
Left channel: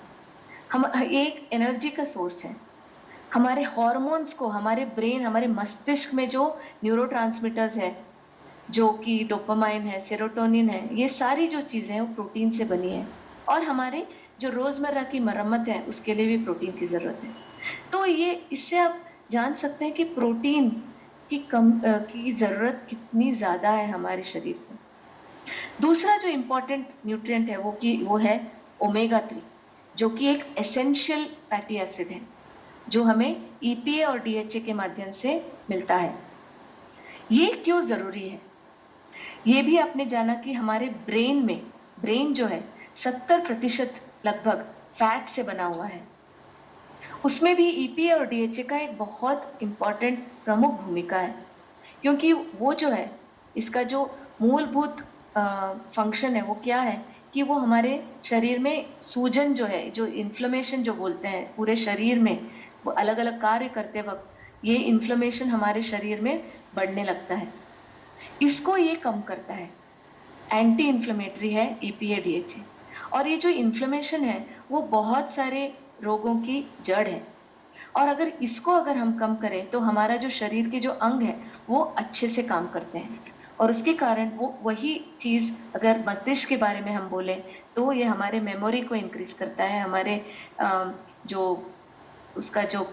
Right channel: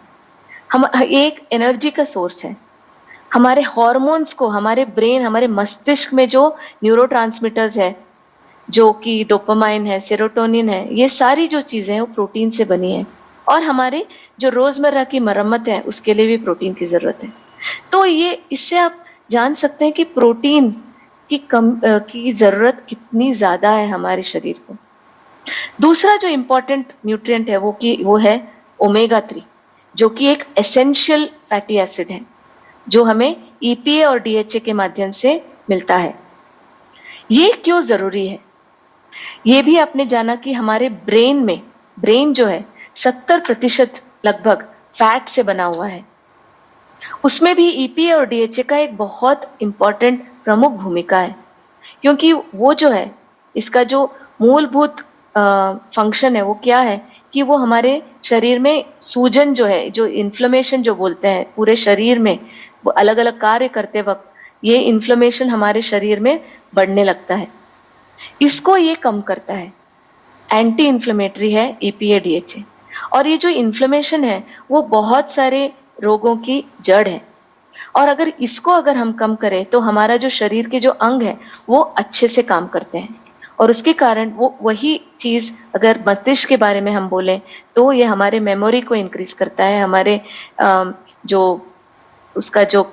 हम एक एनर्जी का सोर्स है। हमारे हॉर्मोन्स को, हमारे ब्रेन, हमारे मस्तिष्क में जो न्यूरोट्रांसमीटर्स है, जो कि डोपामाइन है, सेरोटोनिन है, ये सारी जो चीजें हैं वो प्रोटीन से बनी है। और हमारे जो रोजमर्रा की मरम्मत है उसके लिए भी प्रोटीन की जरूरत है। तो ये, इससे आप जान सकते हैं कि प्रोटीन की जरूरत कितनी ज्यादा है हमारे शरीर को। दूसरा जो इंपॉर्टेंट न्यूट्रिएंट है वो है ओमेगा 3, जो कि एक एसेंशियल फैटी एसिड है जो हमें ईपीए और डीएचए के माध्यम से मिलता है। ये क्यों जरूरी है? ये भी आपने जाना कि हमारे ब्रेन जो है 70% लगभग फैट से बना हुआ है। उसमें भी ईपीए और डीएचए का एक बहुत इंपॉर्टेंट प्रमुख भूमिका है, क्योंकि वो जो है, इसका जो मूलभूत फंक्शन है वो क्या है कि वो हमारे शरीर में सूजन जो है, जो इन्फ्लेमेशन जो बोलते हैं पूरे शरीर में, वो अलग अलग कार्य करते वक्त ये इन्फ्लेमेशन हमारे शरीर में बढ़ने लगता है, इसको ये कम करता है। एंटी इन्फ्लेमेटरी है ईपीए डीएचए। और ये जो इन्फ्लेमेशन है वो बहुत सारे रोगों की जड़ है, और अगर हम कम करें तो हमारा जो शरीर के जो अंग है वो अच्छे से काम करते हैं। और उसके कारण वो वही चीज, अगर मस्तिष्क के बारे में हम बोलें तो ये हमारे मेमोरी को इंक्रीज करता है, हमारे जो उसका जो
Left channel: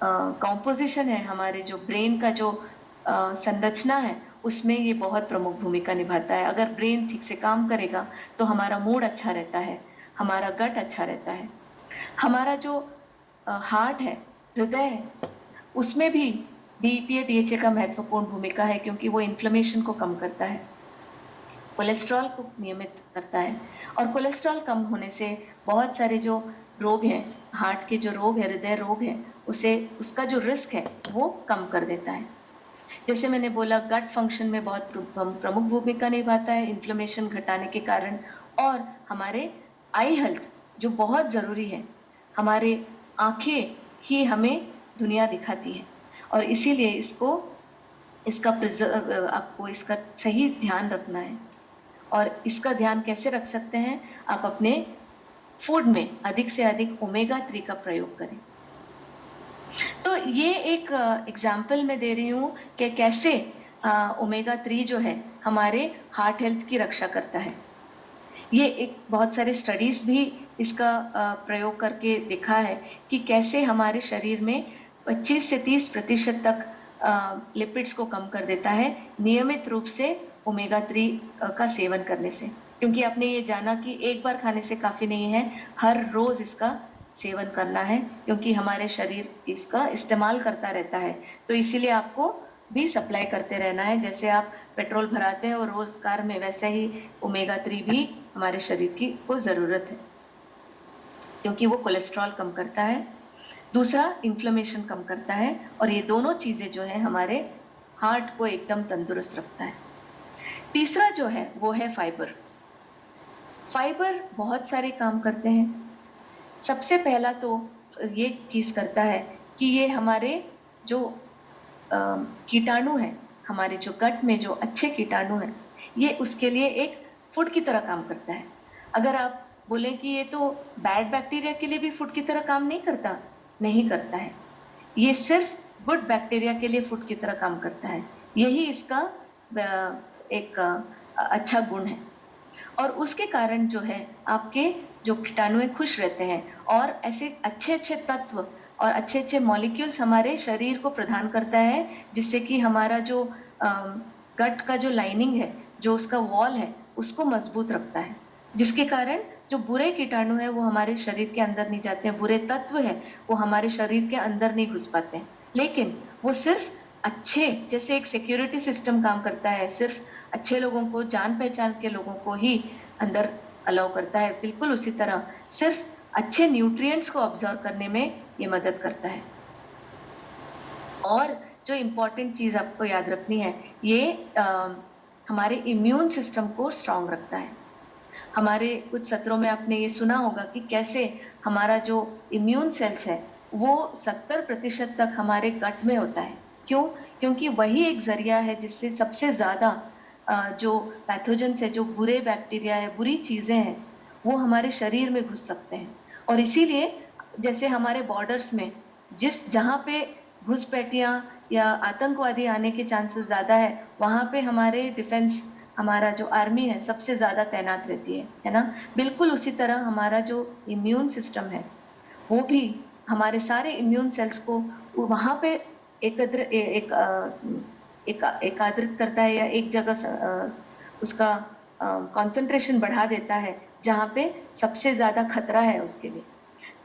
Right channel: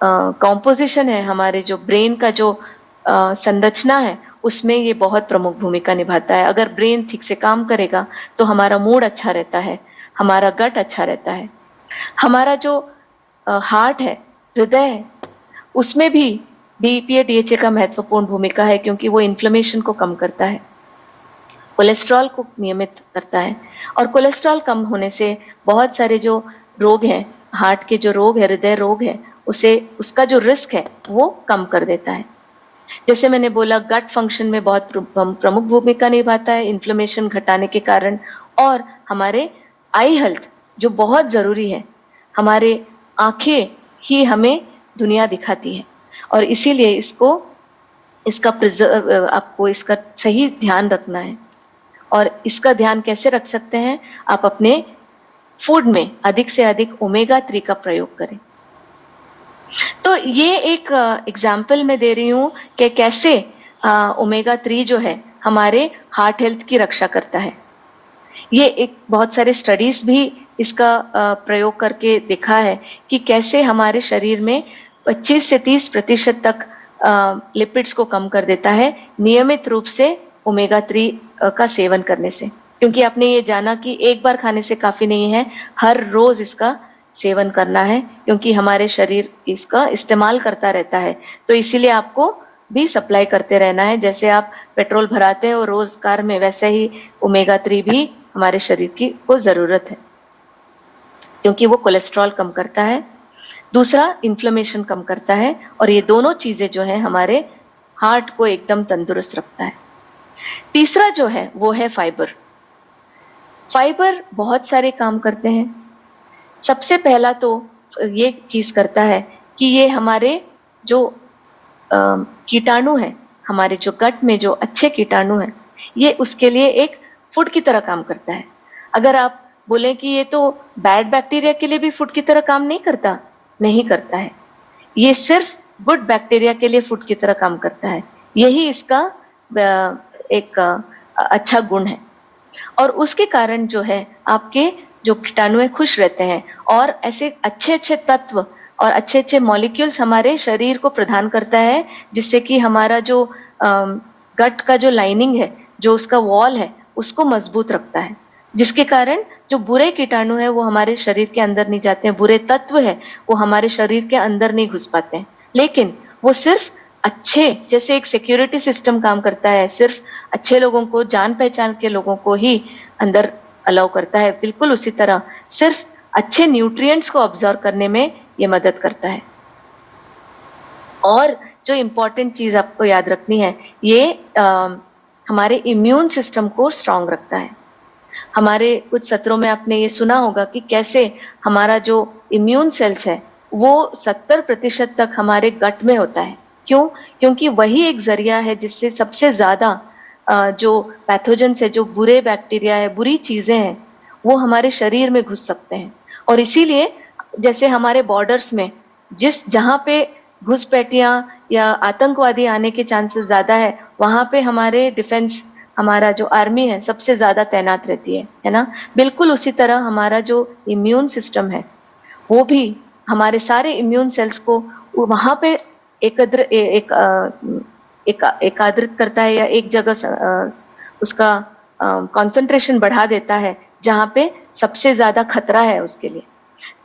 कॉम्पोजिशन है, हमारे जो ब्रेन का जो संरचना है, उसमें ये बहुत प्रमुख भूमिका निभाता है। अगर ब्रेन ठीक से काम करेगा तो हमारा मूड अच्छा रहता है, हमारा गट अच्छा रहता है, हमारा जो हार्ट है, हृदय है, उसमें भी डीईपीए डीएचए का महत्वपूर्ण भूमिका है क्योंकि वो इन्फ्लेमेशन को कम करता है, कोलेस्ट्रॉल को नियमित करता है, और कोलेस्ट्रॉल कम होने से बहुत सारे जो रोग हैं, हार्ट के जो रोग है, हृदय रोग है, उसे उसका जो रिस्क है वो कम कर देता है। जैसे मैंने बोला, गट फंक्शन में बहुत प्रमुख भूमिका निभाता है इन्फ्लेमेशन घटाने के कारण, और हमारे आई हेल्थ जो बहुत जरूरी है, हमारे आंखें ही हमें दुनिया दिखाती है, और इसीलिए इसका प्रिजर्व आपको इसका सही ध्यान रखना है। और इसका ध्यान कैसे रख सकते हैं? आप अपने फूड में अधिक से अधिक ओमेगा 3 का प्रयोग करें। तो ये एक एग्जाम्पल मैं दे रही हूँ कि कैसे ओमेगा 3 जो है हमारे हार्ट हेल्थ की रक्षा करता है। ये एक बहुत सारे स्टडीज भी इसका प्रयोग करके देखा है कि कैसे हमारे शरीर में 25 से 30% तक लिपिड्स को कम कर देता है नियमित रूप से ओमेगा 3 का सेवन करने से। क्योंकि आपने ये जाना कि एक बार खाने से काफी नहीं है, हर रोज इसका सेवन करना है, क्योंकि हमारे शरीर इसका इस्तेमाल करता रहता है। तो इसीलिए आपको भी सप्लाई करते रहना है। जैसे आप पेट्रोल भराते हैं और रोज कार में, वैसे ही ओमेगा 3 भी हमारे शरीर की को जरूरत है, क्योंकि वो कोलेस्ट्रॉल कम करता है, दूसरा इन्फ्लेमेशन कम करता है, और ये दोनों चीजें जो है हमारे हार्ट को एकदम तंदुरुस्त रखता है। तीसरा जो है वो है फाइबर। फाइबर बहुत सारे काम करते हैं। सबसे पहला तो ये चीज करता है कि ये हमारे जो कीटाणु हैं, हमारे जो गट में जो अच्छे कीटाणु हैं, ये उसके लिए एक फूड की तरह काम करता है। अगर आप बोले कि ये तो बैड बैक्टीरिया के लिए भी फूड की तरह काम नहीं करता, नहीं करता है। ये सिर्फ गुड बैक्टीरिया के लिए फूड की तरह काम करता है। यही इसका एक अच्छा गुण है, और उसके कारण जो है आपके जो कीटाणु है खुश रहते हैं, और ऐसे अच्छे अच्छे तत्व और अच्छे अच्छे मॉलिक्यूल्स हमारे शरीर को प्रदान करता है, जिससे कि हमारा जो गट का जो लाइनिंग है, जो उसका वॉल है, उसको मजबूत रखता है, जिसके कारण जो बुरे कीटाणु है वो हमारे शरीर के अंदर नहीं जाते हैं, बुरे तत्व है वो हमारे शरीर के अंदर नहीं घुस पाते हैं। लेकिन वो सिर्फ अच्छे, जैसे एक सिक्योरिटी सिस्टम काम करता है, सिर्फ अच्छे लोगों को, जान पहचान के लोगों को ही अंदर अलाउ करता है, बिल्कुल उसी तरह सिर्फ अच्छे न्यूट्रिएंट्स को ऑब्जर्व करने में ये मदद करता है। और जो इम्पोर्टेंट चीज आपको याद रखनी है, ये हमारे इम्यून सिस्टम को स्ट्रांग रखता है। हमारे कुछ सत्रों में आपने ये सुना होगा कि कैसे हमारा जो इम्यून सेल्स है वो 70% तक हमारे गट में होता है। क्यों? क्योंकि वही एक जरिया है जिससे सबसे ज्यादा जो पैथोजेंस है, जो बुरे बैक्टीरिया है, बुरी चीजें हैं, वो हमारे शरीर में घुस सकते हैं। और इसीलिए जैसे हमारे बॉर्डर्स में जहां पे घुसपैठियां या आतंकवादी आने के चांसेस ज्यादा है, वहां पे हमारे डिफेंस, हमारा जो आर्मी है, सबसे ज्यादा तैनात रहती है ना। बिल्कुल उसी तरह हमारा जो इम्यून सिस्टम है वो भी हमारे सारे इम्यून सेल्स को वहां पे एकाग्रित करता है, या एक जगह उसका कंसंट्रेशन बढ़ा देता है जहां पे सबसे ज्यादा खतरा है उसके लिए।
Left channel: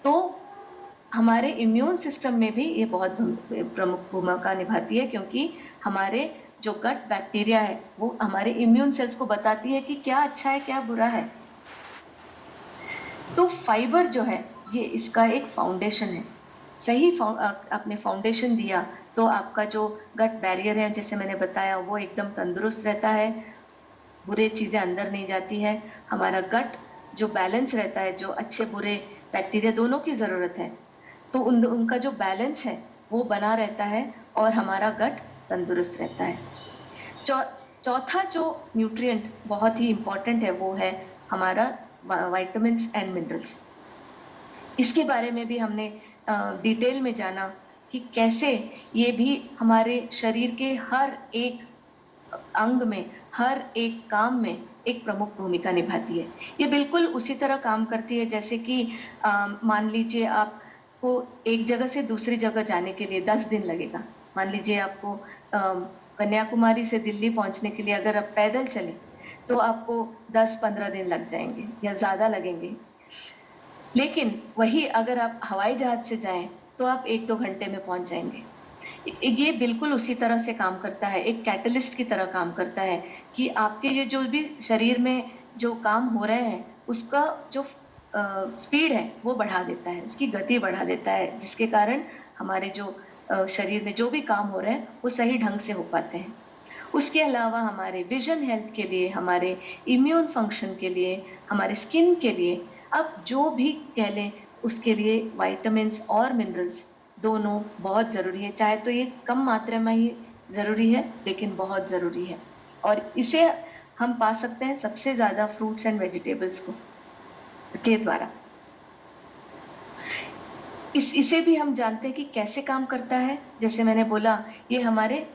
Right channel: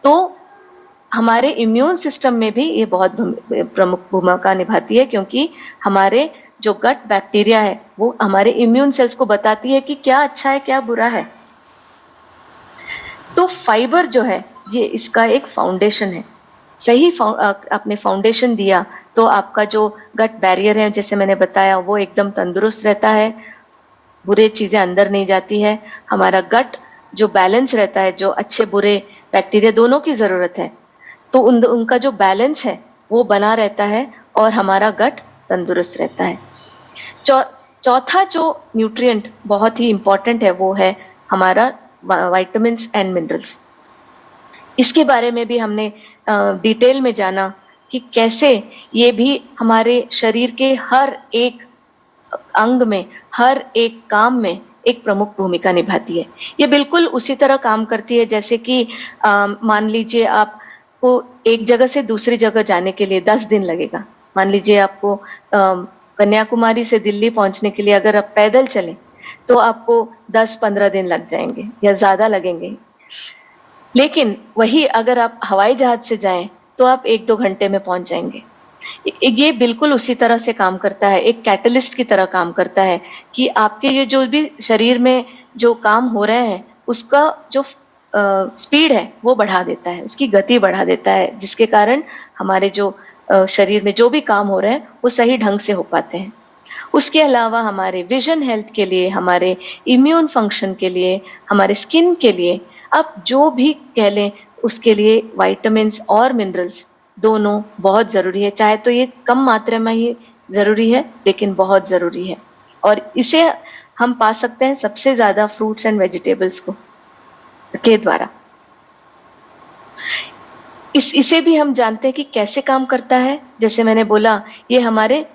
तो हमारे इम्यून सिस्टम में भी ये बहुत प्रमुख भूमिका निभाती है, क्योंकि हमारे जो गट बैक्टीरिया है वो हमारे इम्यून सेल्स को बताती है कि क्या अच्छा है, क्या बुरा है। तो फाइबर जो है ये इसका एक फाउंडेशन है। सही आपने फाउंडेशन दिया तो आपका जो गट बैरियर है, जैसे मैंने बताया, वो एकदम तंदुरुस्त रहता है, बुरे चीजें अंदर नहीं जाती है। हमारा गट जो बैलेंस रहता है, जो अच्छे बुरे बैक्टीरिया दोनों की जरूरत है, तो उनका जो बैलेंस है वो बना रहता है, और हमारा गट तंदुरुस्त रहता है। चौथा जो न्यूट्रिएंट बहुत ही इंपॉर्टेंट है वो है हमारा विटामिन्स एंड मिनरल्स। इसके बारे में भी हमने डिटेल में जाना कि कैसे ये भी हमारे शरीर के हर एक अंग में, हर एक काम में एक प्रमुख भूमिका निभाती है। ये बिल्कुल उसी तरह काम करती है जैसे कि मान लीजिए आपको एक जगह से दूसरी जगह जाने के लिए 10 दिन लगेगा। मान लीजिए आपको कन्याकुमारी से दिल्ली पहुंचने के लिए अगर आप पैदल चलें तो आपको 10-15 दिन लग जाएंगे या ज्यादा लगेंगे। लेकिन वही अगर आप हवाई जहाज से जाएं तो आप 1-2 घंटे में पहुंच जाएंगे। ये बिल्कुल उसी तरह से काम करता है, एक कैटलिस्ट की तरह काम करता है कि आपके ये जो भी शरीर में जो काम हो रहे हैं उसका जो स्पीड है वो बढ़ा देता है, उसकी गति बढ़ा देता है, जिसके कारण हमारे जो शरीर में जो भी काम हो रहे हैं वो सही ढंग से हो पाते हैं। उसके अलावा हमारे विजन हेल्थ के लिए, हमारे इम्यून फंक्शन के लिए, हमारे स्किन के लिए, आप जो भी कह लें, उसके लिए विटामिन्स और मिनरल्स दोनों बहुत ज़रूरी है। चाहे तो ये कम मात्रा में ही ज़रूरी है, लेकिन बहुत ज़रूरी है। और इसे हम पा सकते हैं सबसे ज़्यादा फ्रूट्स एंड वेजिटेबल्स के द्वारा। इसे भी हम जानते हैं कि कैसे काम करता है। जैसे मैंने बोला, ये हमारे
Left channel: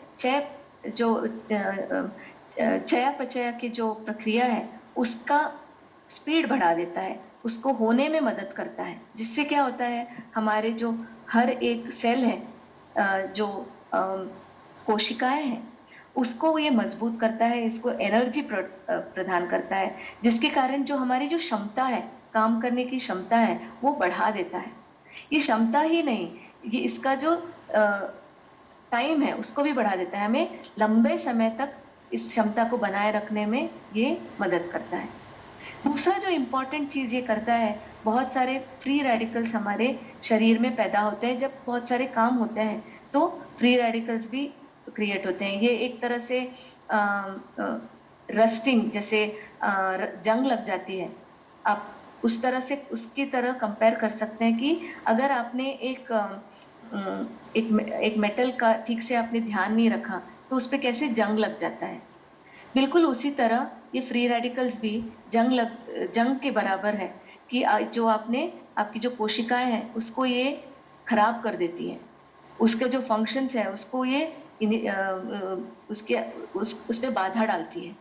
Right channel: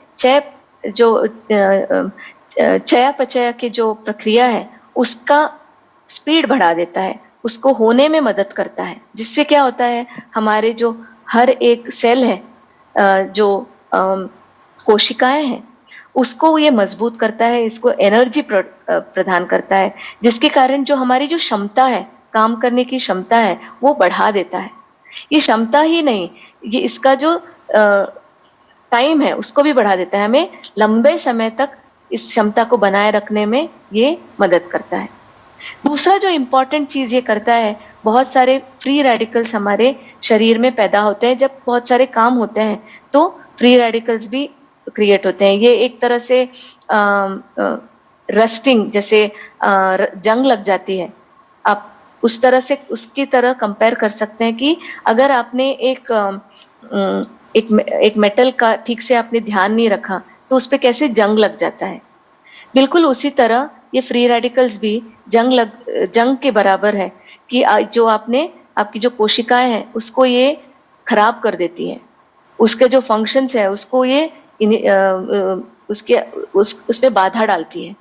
चयापचय की जो प्रक्रिया है उसका स्पीड बढ़ा देता है, उसको होने में मदद करता है, जिससे क्या होता है, हमारे जो हर एक सेल है, जो कोशिकाएं हैं, उसको ये मजबूत करता है, इसको एनर्जी प्रदान करता है, जिसके कारण जो हमारी जो क्षमता है, काम करने की क्षमता है, वो बढ़ा देता है। ये क्षमता ही नहीं, ये इसका जो टाइम है उसको भी बढ़ा देता है, हमें लंबे समय तक इस क्षमता को बनाए रखने में ये मदद करता है। दूसरा जो इम्पोर्टेंट चीज ये करता है, बहुत सारे फ्री रेडिकल्स हमारे शरीर में पैदा होते हैं। जब बहुत सारे काम होते हैं तो फ्री रेडिकल्स भी क्रिएट होते हैं। ये एक तरह से रस्टिंग, जैसे जंग लग जाती है, आप उस तरह से उसकी तरह कंपेयर कर सकते हैं कि अगर आपने एक मेटल का ठीक से आपने ध्यान नहीं रखा तो उस पे कैसे जंग लग जाता है। बिल्कुल उसी तरह ये फ्री रेडिकल्स भी जंग के बराबर है कि जो आपकी जो कोशिकाएं हैं उसको ये खराब कर देती हैं, उसके जो फंक्शंस है उसको ये उस पे बाधा डालती है।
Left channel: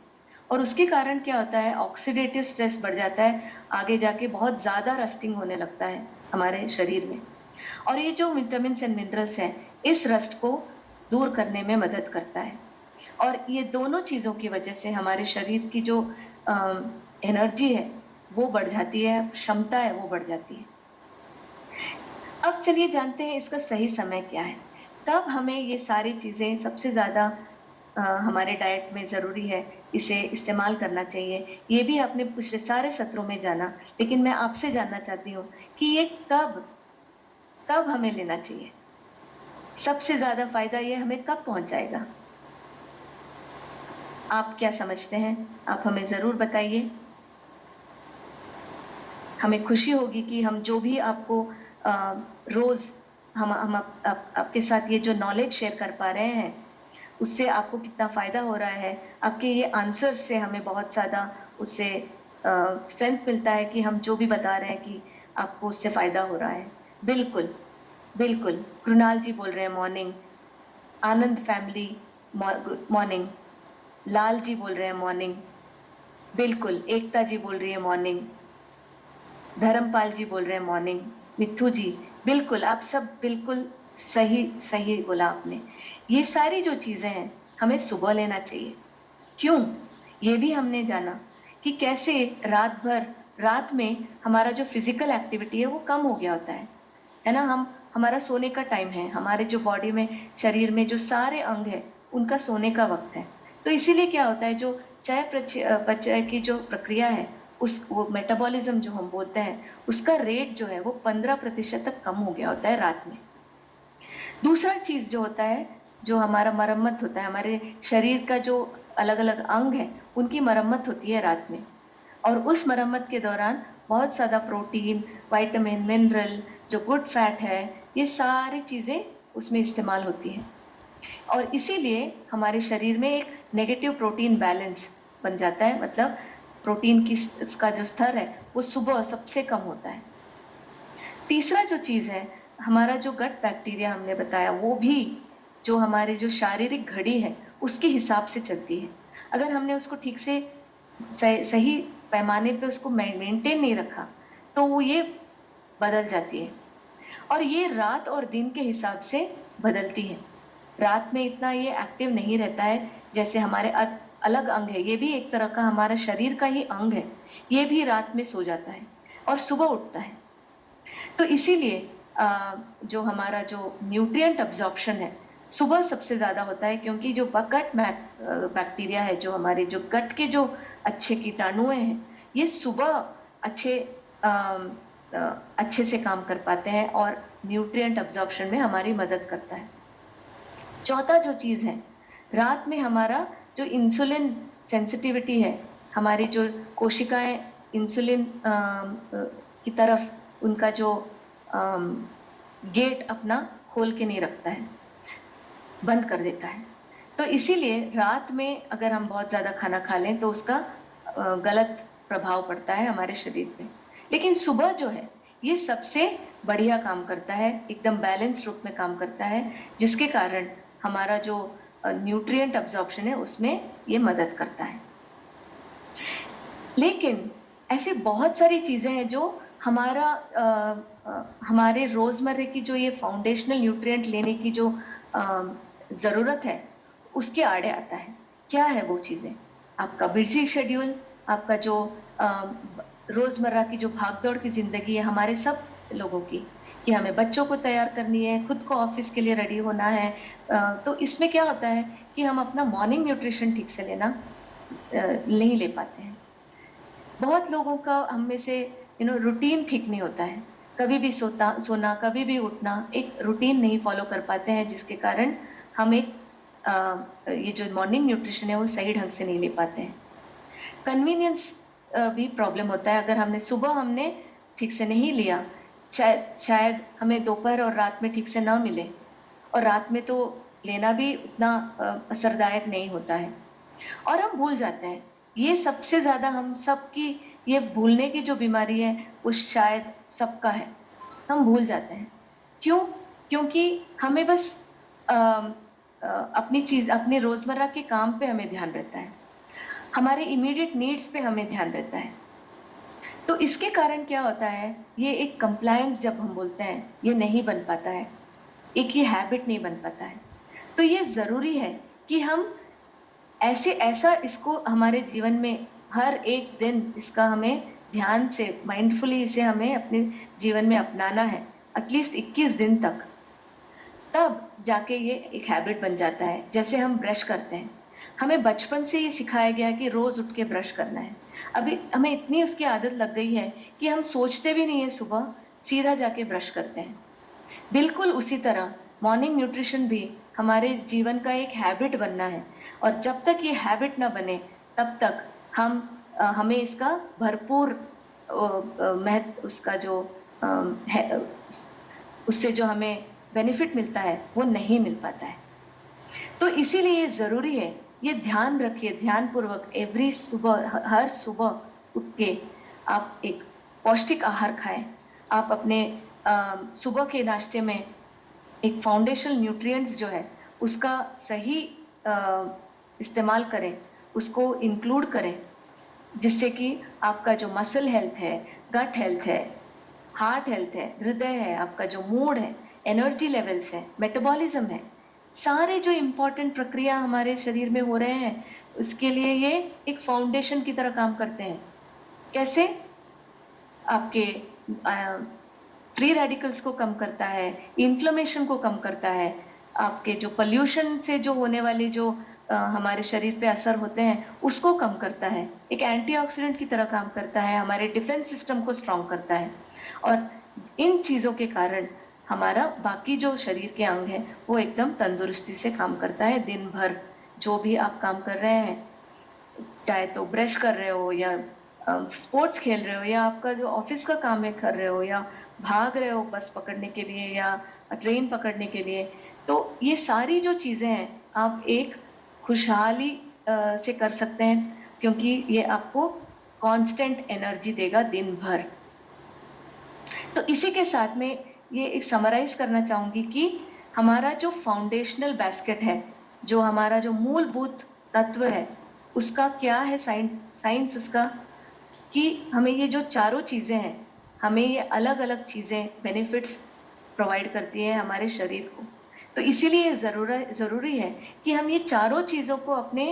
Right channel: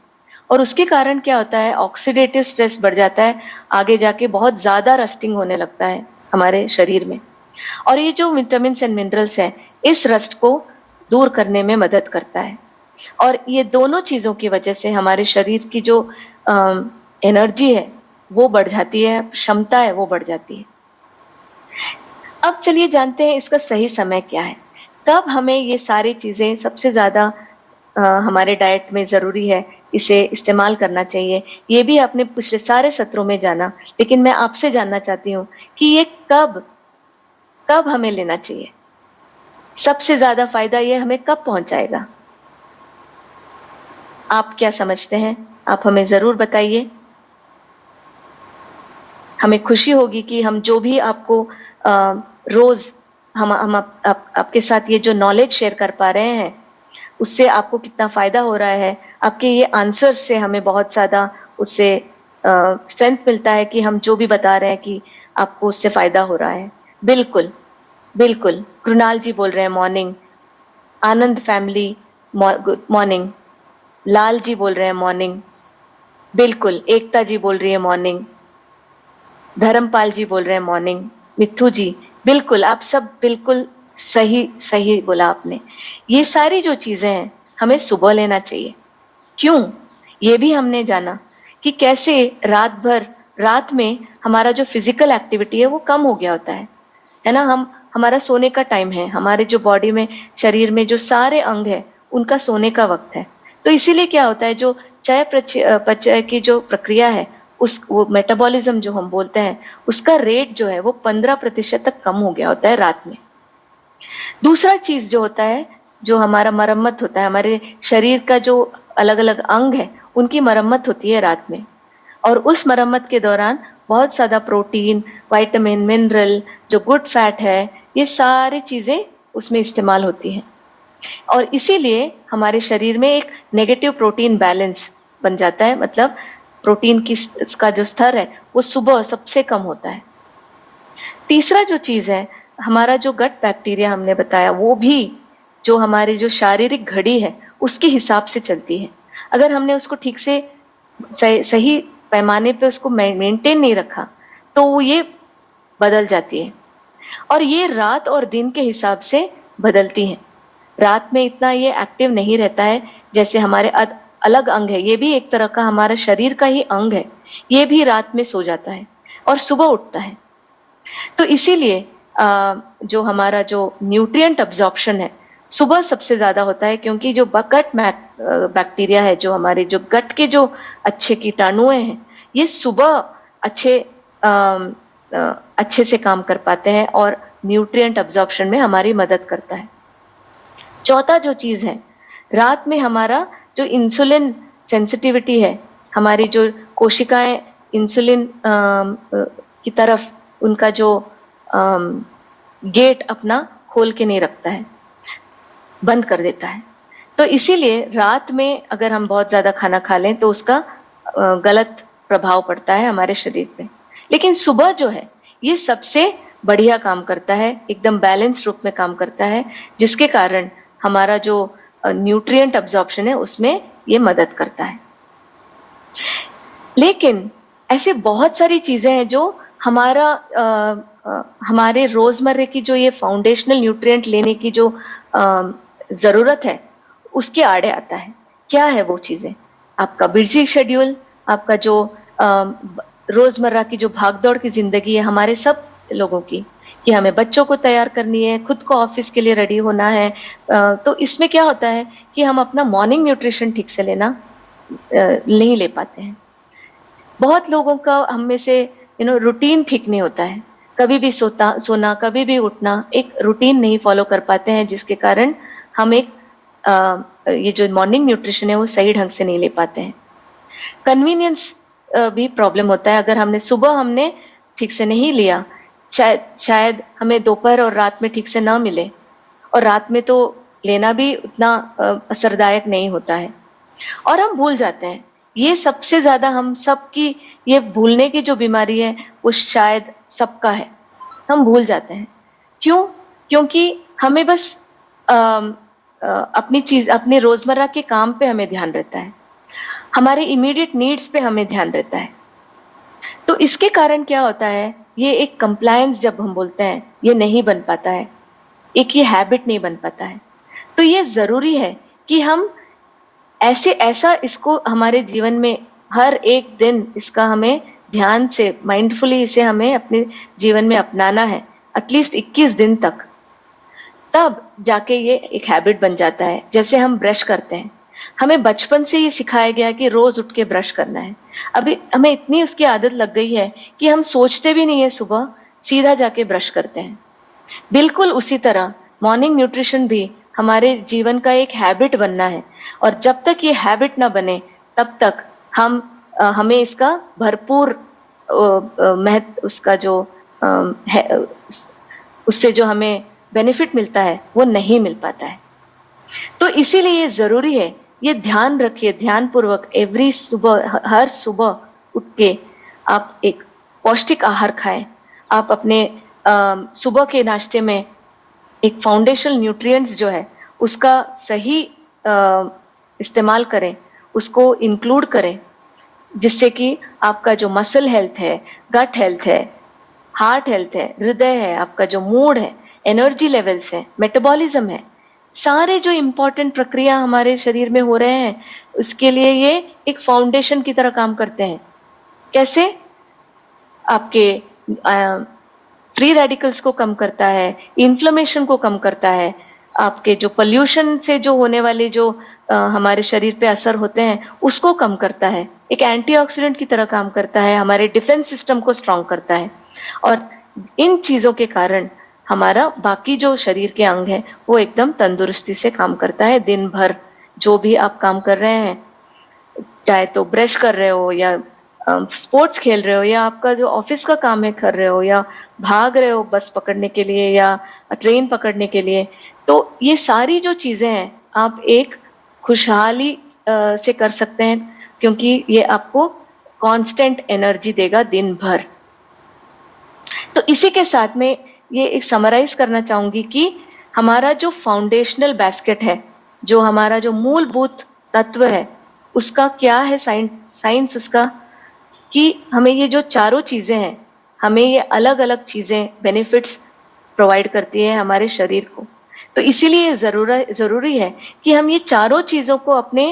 और उसके कारण क्या होता है, ऑक्सीडेटिव स्ट्रेस बढ़ जाता है, आगे जाके बहुत ज्यादा रस्टिंग होने लगता है हमारे शरीर में। और ये जो विटामिन एंड मिनरल्स है, इस रस्ट को दूर करने में मदद करता है। और ये दोनों चीजों की वजह से हमारे शरीर की जो एनर्जी है वो बढ़ जाती है, क्षमता है वो बढ़ जाती है। अब चलिए जानते हैं इसका सही समय क्या है, कब हमें ये सारी चीजें सबसे ज्यादा हमारे डाइट में जरूरी है, इसे इस्तेमाल करना चाहिए। ये भी आपने पिछले सारे सत्रों में जाना, लेकिन मैं आपसे जानना चाहती हूँ कि ये कब कब हमें लेना चाहिए, सबसे ज्यादा फायदा ये हमें कब पहुंचाएगा। आप क्या समझते हैं, आप हमें जरूर बताइए। हमें खुशी होगी कि हम जो भी आपको रोज हम आपके साथ ये जो नॉलेज शेयर कर पा रहे हैं उससे आपको कितना फायदा हो रहा है। आपके ये आंसर से हमें बहुत ज्यादा उससे स्ट्रेंथ मिलता है कि हम जो भी बता रहे हैं कि आपको उससे फायदा हो रहा है। बिल्कुल बिल्कुल। कृणाल जी बोल रहे हैं मॉर्निंग, आनंद family good morning, Lal ji बोल रहे हैं मॉर्निंग, बिल्कुल। एकता जी बोल रही है मॉर्निंग, धर्मपाल जी बोल रहे हैं मॉर्निंग, मिथु जी बिल्कुल, आप सब बिल्कुल सही सही बोला आपने। ये सारी जो चीजें हैं हमें सुबह लेना चाहिए। क्यों, ये भी हमने जाना कि कैसे रात में हमारा जो फिजिकल एक्टिविटी है वो कम हो गया होता है ना। हमारा सोने का टाइम है, हमारे जो बॉडी में शरीर में जो सारे अंग है उनका सोने का वक्त है। तो इसीलिए क्या होता है, जो चयापचय की जो प्रक्रिया है, वो मेटाबॉलिज्म जो हम बोलते हैं, उसका रेट जो है वो 15% तक कम हो गया होता है रात में। दूसरा चीज जो होता है, जो हमारा मरम्मत होता है, हमारे शरीर का जो अलग अलग अंग है उनकी मरम्मत होती है रात में। और उस मरम्मत के दौरान बहुत ज्यादा प्रोटीन, विटामिन, मिनरल, जो गुड फैट है, ये सारी चीजें उसमें इस्तेमाल होती हैं। और इसीलिए हमारे शरीर में एक नेगेटिव प्रोटीन बैलेंस बन जाता है, मतलब प्रोटीन की का जो स्तर है वो सुबह सबसे कम होता है। तीसरा जो चीज है, हमारा जो गट बैक्टीरिया हमने बताया, वो भी जो हमारी जो शारीरिक घड़ी है उसके हिसाब से चलती है। अगर हमने उसको ठीक से सही पैमाने पे उसको मेंटेन नहीं रखा तो वो ये बदल जाती है, और ये रात और दिन के हिसाब से बदलती हैं। रात में इतना ये एक्टिव नहीं रहता है, जैसे हमारे अलग अंग है, ये भी एक तरह का हमारा शरीर का ही अंग है, ये भी रात में सो जाता है और सुबह उठता है। तो इसीलिए जो हमारा जो न्यूट्रिएंट अब्जॉर्प्शन है सुबह सबसे ज्यादा होता है, क्योंकि जो गट बैक्टीरिया है, जो हमारे जो गट के जो अच्छे कीटाणु हैं, ये सुबह अच्छे अच्छे से काम कर पाते हैं और न्यूट्रिएंट अब्जॉर्प्शन में हमारी मदद करता है। चौथा जो चीज है, रात में हमारा जो इंसुलिन सेंसिटिविटी है, हमारी जो कोशिकाएं इंसुलिन की तरफ उनका जो गेट अपना खोल के नहीं रखता है, बंद कर देता है। तो इसीलिए रात में अगर हम बहुत ज्यादा खाना खा लें तो उसका गलत प्रभाव पड़ता है हमारे शरीर पे। लेकिन सुबह जो है ये सबसे बढ़िया काम करता है, एकदम बैलेंस रूप में काम करता है, जिसके कारण हमारा जो न्यूट्रिएंट अब्जॉर्प्शन है उसमें ये मदद करता है। लेकिन ऐसे बहुत सारी चीजें हैं जो हमारा हमारे रोजमर्रे की जो ये फाउंडेशनल न्यूट्रिएंट लेने की जो जरूरत है उसके आड़े आता है। क्या है वो चीजें? आपका बिजी शेड्यूल, आपका जो रोजमर्रा की जो भागदौड़ की जिंदगी है हमारे सब लोगों की, कि हमें बच्चों को तैयार करनी है, खुद को ऑफिस के लिए रेडी होना है, तो इसमें क्या होता है कि हम अपना मॉर्निंग न्यूट्रिशन ठीक से लेना नहीं ले पाते हैं। बहुत लोगों का हम में से रूटीन ठीक नहीं होता है, कभी भी सोना कभी भी उठना, एक रूटीन नहीं फॉलो कर पाते हैं, जिसके कारण हम एक ये जो मॉर्निंग न्यूट्रिशन है वो सही ढंग से नहीं ले पाते हैं। कन्वीनियंस भी प्रॉब्लम होता है, अगर हमने सुबह ठीक से नहीं लिया, शायद हमें दोपहर और रात में ठीक से ना मिले, और रात में तो लेना भी उतना असरदायक नहीं होता है, और हम भूल जाते हैं। ये सबसे ज्यादा हम सबकी ये भूलने की जो बीमारी है वो शायद सबका है, हम भूल जाते हैं। क्यों? क्योंकि हमें बस अपने रोजमर्रा के काम पे हमें ध्यान रहता है, हमारे इमीडिएट नीड्स पे हमें ध्यान रहता है। तो इसके कारण क्या होता है, ये एक कंप्लायंस जब हम बोलते हैं ये नहीं बन पाता है, एक ये हैबिट नहीं बन पाता है। तो ये जरूरी है कि हम ऐसा इसको हमारे जीवन में हर एक दिन इसका हमें ध्यान से माइंडफुली इसे हमें अपने जीवन में अपनाना है, एटलीस्ट 21 दिन तक, तब जाके ये एक हैबिट बन जाता है। जैसे हम ब्रश करते हैं, हमें बचपन से ये सिखाया गया कि रोज उठ के ब्रश करना है, अभी हमें इतनी उसकी आदत लग गई है कि हम सोचते भी नहीं है, सुबह सीधा जाके ब्रश करते हैं। बिल्कुल उसी तरह मॉर्निंग न्यूट्रिशन भी हमारे जीवन का एक हैबिट बनना है, और जब तक ये हैबिट ना बने तब तक हमें इसका भरपूर महत्व, उसका जो है, उससे जो हमें बेनिफिट मिलता है वो नहीं मिल पाता है। तो इसीलिए जरूरी है, ये ध्यान रखिए, ध्यान पूर्वक हर सुबह उठ के आप एक पौष्टिक आहार खाएं। आप अपने सुबह के नाश्ते में एक फाउंडेशनल न्यूट्रिएंट्स जो है उसका सही इस्तेमाल करें, उसको इंक्लूड करें, जिससे कि आपका जो मसल हेल्थ है, गट हेल्थ है, हार्ट हेल्थ है, हृदय है, आपका जो मूड है, एनर्जी लेवल्स है, मेटाबॉलिज्म है, सारे जो इंपॉर्टेंट प्रक्रिया हमारे शरीर में हो रहे हैं, उसके लिए ये एक फाउंडेशन की तरह काम करते हैं। कैसे? आपके फ्री रेडिकल्स को कम करता है, इन्फ्लेमेशन को कम करता है, आपके जो पोल्यूशन से जो होने वाले जो हमारे शरीर पे असर होते हैं उसको कम करता है, एक एंटीऑक्सीडेंट की तरह काम करता है, हमारे डिफेंस सिस्टम को स्ट्रांग करता है। और इन चीजों के कारण हमारा बाकी जो शरीर के अंग है वो एकदम तंदुरुस्ती से काम करता है। दिन भर जो भी आप काम कर रहे हैं, चाहे तो ब्रश कर रहे हो या स्पोर्ट्स खेल रहे हो, या आपका जो ऑफिस का काम है कर रहे हो, या भाग रहे हो बस पकड़ने के लिए या ट्रेन पकड़ने के लिए, तो ये सारी जो चीजें हैं आप एक खुशहाली से कर सकते हैं, क्योंकि ये आपको कांस्टेंट एनर्जी देगा दिन भर। तो इसी के साथ में ये एक समराइज करना चाहूंगी कि हमारा जो फाउंडेशनल बास्केट है, जो हमारा जो मूलभूत तत्व है, उसका क्या है साइंस उसका, कि हमें ये जो चारों चीजें हैं, हमें ये अलग अलग चीजें बेनिफिट्स प्रोवाइड करती है हमारे शरीर को। तो इसीलिए जरूरी है कि हम ये चारों चीजों को अपने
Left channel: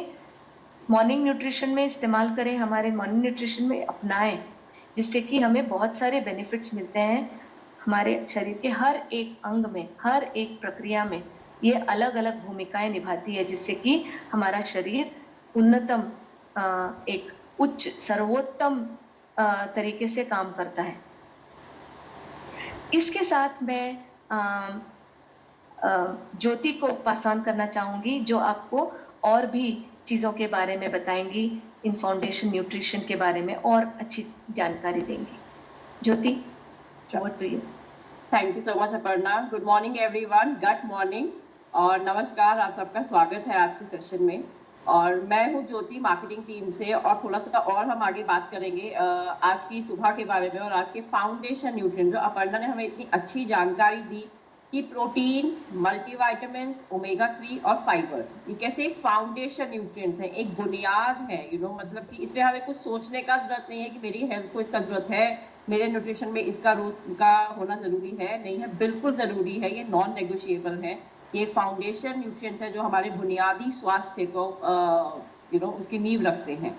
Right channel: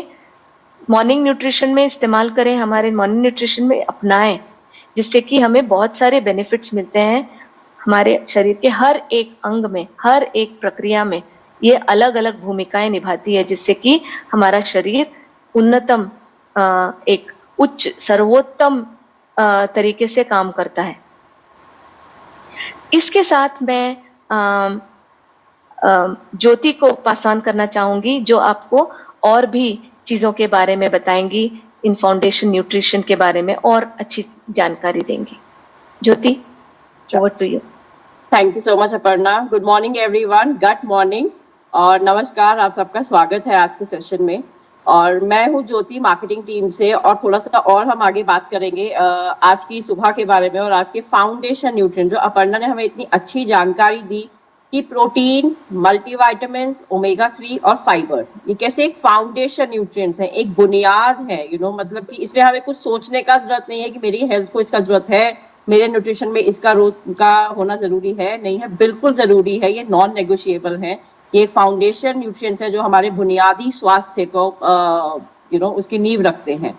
मॉर्निंग न्यूट्रिशन में इस्तेमाल करें, हमारे मॉर्निंग न्यूट्रिशन में अपनाएं, जिससे कि हमें बहुत सारे बेनिफिट्स मिलते हैं हमारे शरीर के हर एक अंग में, हर एक प्रक्रिया में, ये अलग अलग भूमिकाएं निभाती है, जिससे कि हमारा शरीर उन्नतम एक उच्च सर्वोत्तम तरीके से काम करता है। इसके साथ मैं ज्योति को पास ऑन करना चाहूंगी, जो आपको और भी चीजों के बारे में बताएंगी, इन फाउंडेशन न्यूट्रिशन के बारे में और अच्छी जानकारी देंगी। Jyoti, over to you. Thank you so much Aparna. Good morning everyone, good morning और नमस्कार, आप सबका स्वागत है आज के सेशन में। और मैं हूँ ज्योति, मार्केटिंग टीम से, और थोड़ा सा और हम आगे बात करेंगे आज की सुबह के बारे में और आज के फाउंडेशन न्यूट्रिएंट, जो अपर्णा ने हमें इतनी अच्छी जानकारी दी कि प्रोटीन, मल्टीविटामिन्स, ओमेगा 3 और फाइबर, ये कैसे एक फाउंडेशन न्यूट्रिएंट्स है, एक बुनियाद है, मतलब कि इसमें हमें कुछ सोचने का जरूरत नहीं है कि मेरी हेल्थ को इसका जरूरत है, मेरे न्यूट्रिशन में इसका रोज का होना जरूरी है, नहीं है, बिल्कुल जरूरी है, ये नॉन नेगोशिएबल है। ये एक फाउंडेशन न्यूट्रिएंट्स है जो हमारे बुनियादी स्वास्थ्य को उसकी नींव रखते हैं।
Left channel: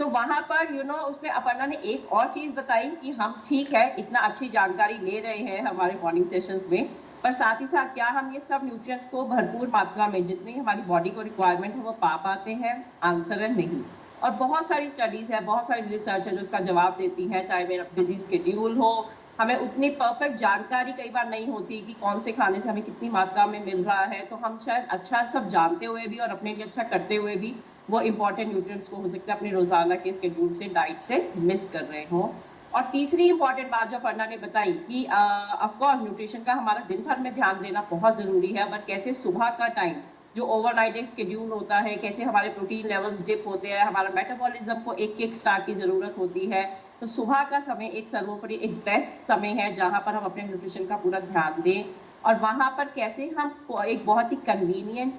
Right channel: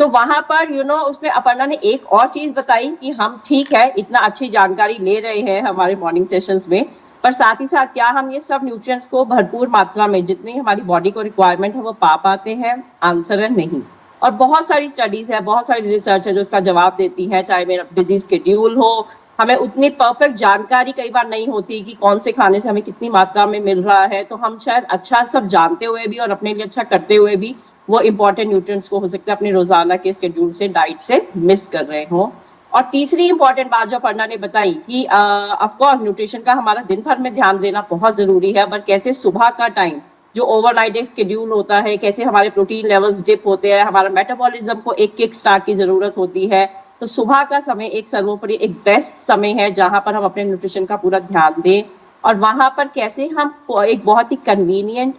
तो वहां पर उसमें अपर्णा ने एक और चीज बताई कि हम ठीक है इतना अच्छी जानकारी ले रहे हैं हमारे मॉर्निंग सेशंस में, पर साथ ही साथ क्या हम ये सब न्यूट्रिएंट्स को भरपूर मात्रा में जितनी हमारी बॉडी को रिक्वायरमेंट है वो पा पाते हैं? आंसर है नहीं। और बहुत सारी स्टडीज है, बहुत सारी रिसर्च है जो इसका जवाब देती है, चाहे मेरा बिजी स्केड्यूल हो, हमें उतनी परफेक्ट जानकारी कई बार नहीं होती कि कौन से खाने से हमें कितनी मात्रा में मिल रहा है, तो हम शायद अच्छा सब जानते हुए भी और अपने लिए अच्छा करते हुए भी वो इंपॉर्टेंट न्यूट्रिएंट्स को हो सकता है अपने रोजाना के स्केड्यूल से, डाइट से मिस कर रहे हो। और तीसरी इंपॉर्टेंट बात जो अपर्णा ने बताई कि ऑफकोर्स न्यूट्रिशन का हमारा दिन भर में ध्यान देना बहुत जरूरी है, पर कैसे सुबह का टाइम जो ओवरनाइट एक स्केड्यूल होता है, कैसे हमारे प्रोटीन लेवल्स डिप होते हैं, हमारा मेटाबॉलिज्म को एक किक स्टार्ट की जरूरत होती है, तो सुबह का समय एक सर्वोपरि एक बेस्ट समय है जहां पर हम अपने न्यूट्रिशन का पूरा ध्यान दें। और वहां पर कैसे हम एक बहुत ही कन्वीनियंट,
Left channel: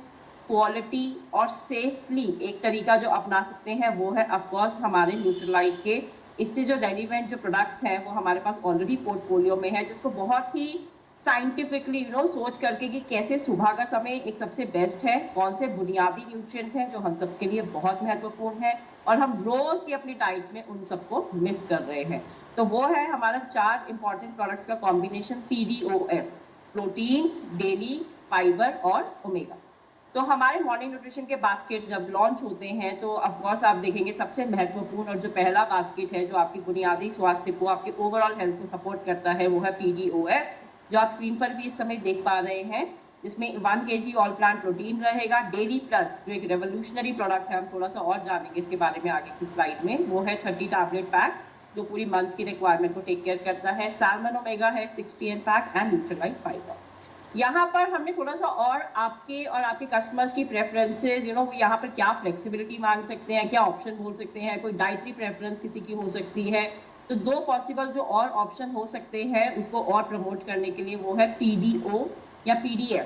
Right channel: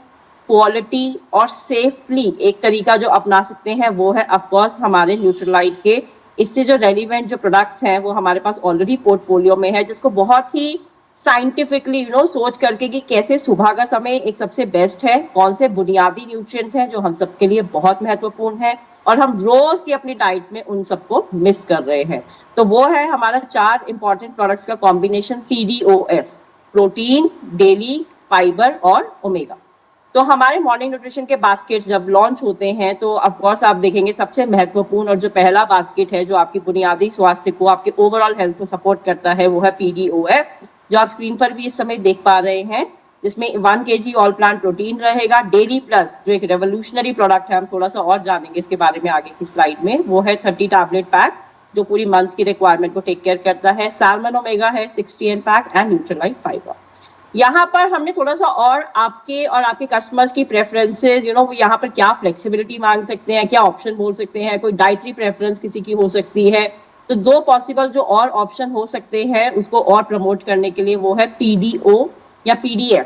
क्वालिटी और सेफली एक तरीका जो अपना सकते हैं वो है ऑफकोर्स हमारे न्यूट्रीलाइट के इससे जो रेलिवेंट जो प्रोडक्ट्स हैं वो हमारे पास ऑलरेडी पोर्टफोलियो में है, जिसको बहुत ही साइंटिफिकली सोच करके कि कैसे सुबह का समय एक सबसे बेस्ट है, कौन से बुनियादी न्यूट्रिएंट्स हैं जो हम सबके लिए बहुत महत्वपूर्ण है और हम रोज की अपनी डाइट में उन सबको मिस कर रहे हैं। तो वो है हमारा 4 इंपॉर्टेंट प्रोडक्ट्स का combination PDOF, protein, daily, fibre और ओमेगा। तो हमारे मॉर्निंग न्यूट्रिशन के बास्केट जब लॉन्च होते हैं तो ऑफकोर्स आप देखेंगे सबसे महत्वपूर्ण और जो पहला बास्केट है जो आपकी बुनियादी स्वास्थ्य को, आपके ओवरऑल हेल्थ को सपोर्ट करता है, वो है PDOF, जो आप स्क्रीन पर भी इस समय देख पा रहे हैं, जिसमें 1 kg ऑल प्लांट प्रोटीन रहेगा। डेली प्लस जो एक रेवोल्यूशनरी प्रोडक्ट है, हम थोड़ा सा और जानेंगे इसके बारे में आगे की स्लाइड में, वो है 30 टैबलेट पैक जो पूरी मंथ की रिक्वायरमेंट को टेक केयर करता है। सैल्मन ओमेगा है 60 N pack and Nutrilite fiber. यहाँ पर हमने थोड़ा सा और आपके कस्टमर्स की प्रेफरेंसेस, यहाँ पर क्या फ्लेक्सिबिलिटी मांग सकते हैं, क्या ऑप्शन बोल सकते हैं, कोई डाइटरी प्रेफरेंस किसी की हो सकती है, तो 2 पॉसिबल जो और ऑप्शन हो सकते हैं उसको और प्रमोट करने के लिए वो है PDO या PDF,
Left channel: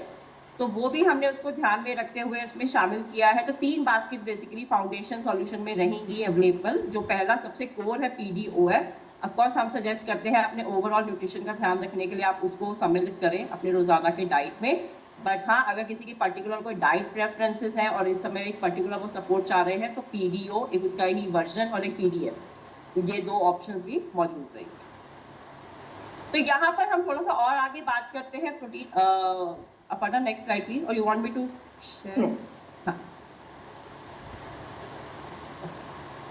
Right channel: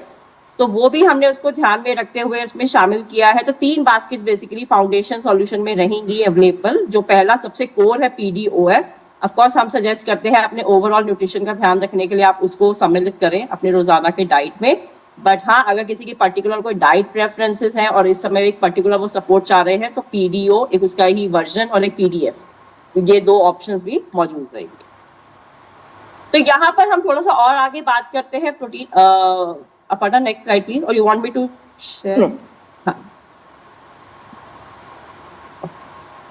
तो वो भी हमने उसको ध्यान में रखते हुए उसमें शामिल किया है। तो 3 बास्केट बेसिकली फाउंडेशन सॉल्यूशन में रहेंगी अवेलेबल। जो पहला सबसे कोर है PDOF, ऑफकोर्स हम सजेस्ट करते हैं अपने ओवरऑल न्यूट्रिशन का ध्यान रखने के लिए आप उसको सम्मिलित करें अपने रोजाना के डाइट में। बट हाँ, अगर किसी की पर्टिकुलर कोई डाइट प्रेफरेंसेस हैं और इस समय एक पर्टिकुलर वो सपोर्ट चाह रहे हैं तो PDO एक उसका ही वर्जन और एक PDF, ये 2 ऑप्शंस भी मौजूद रहेंगे। तो यहाँ पर हम थोड़ा सा और आगे बात करते हैं protein. Aparna next slide please, और you want me to share? हाँ,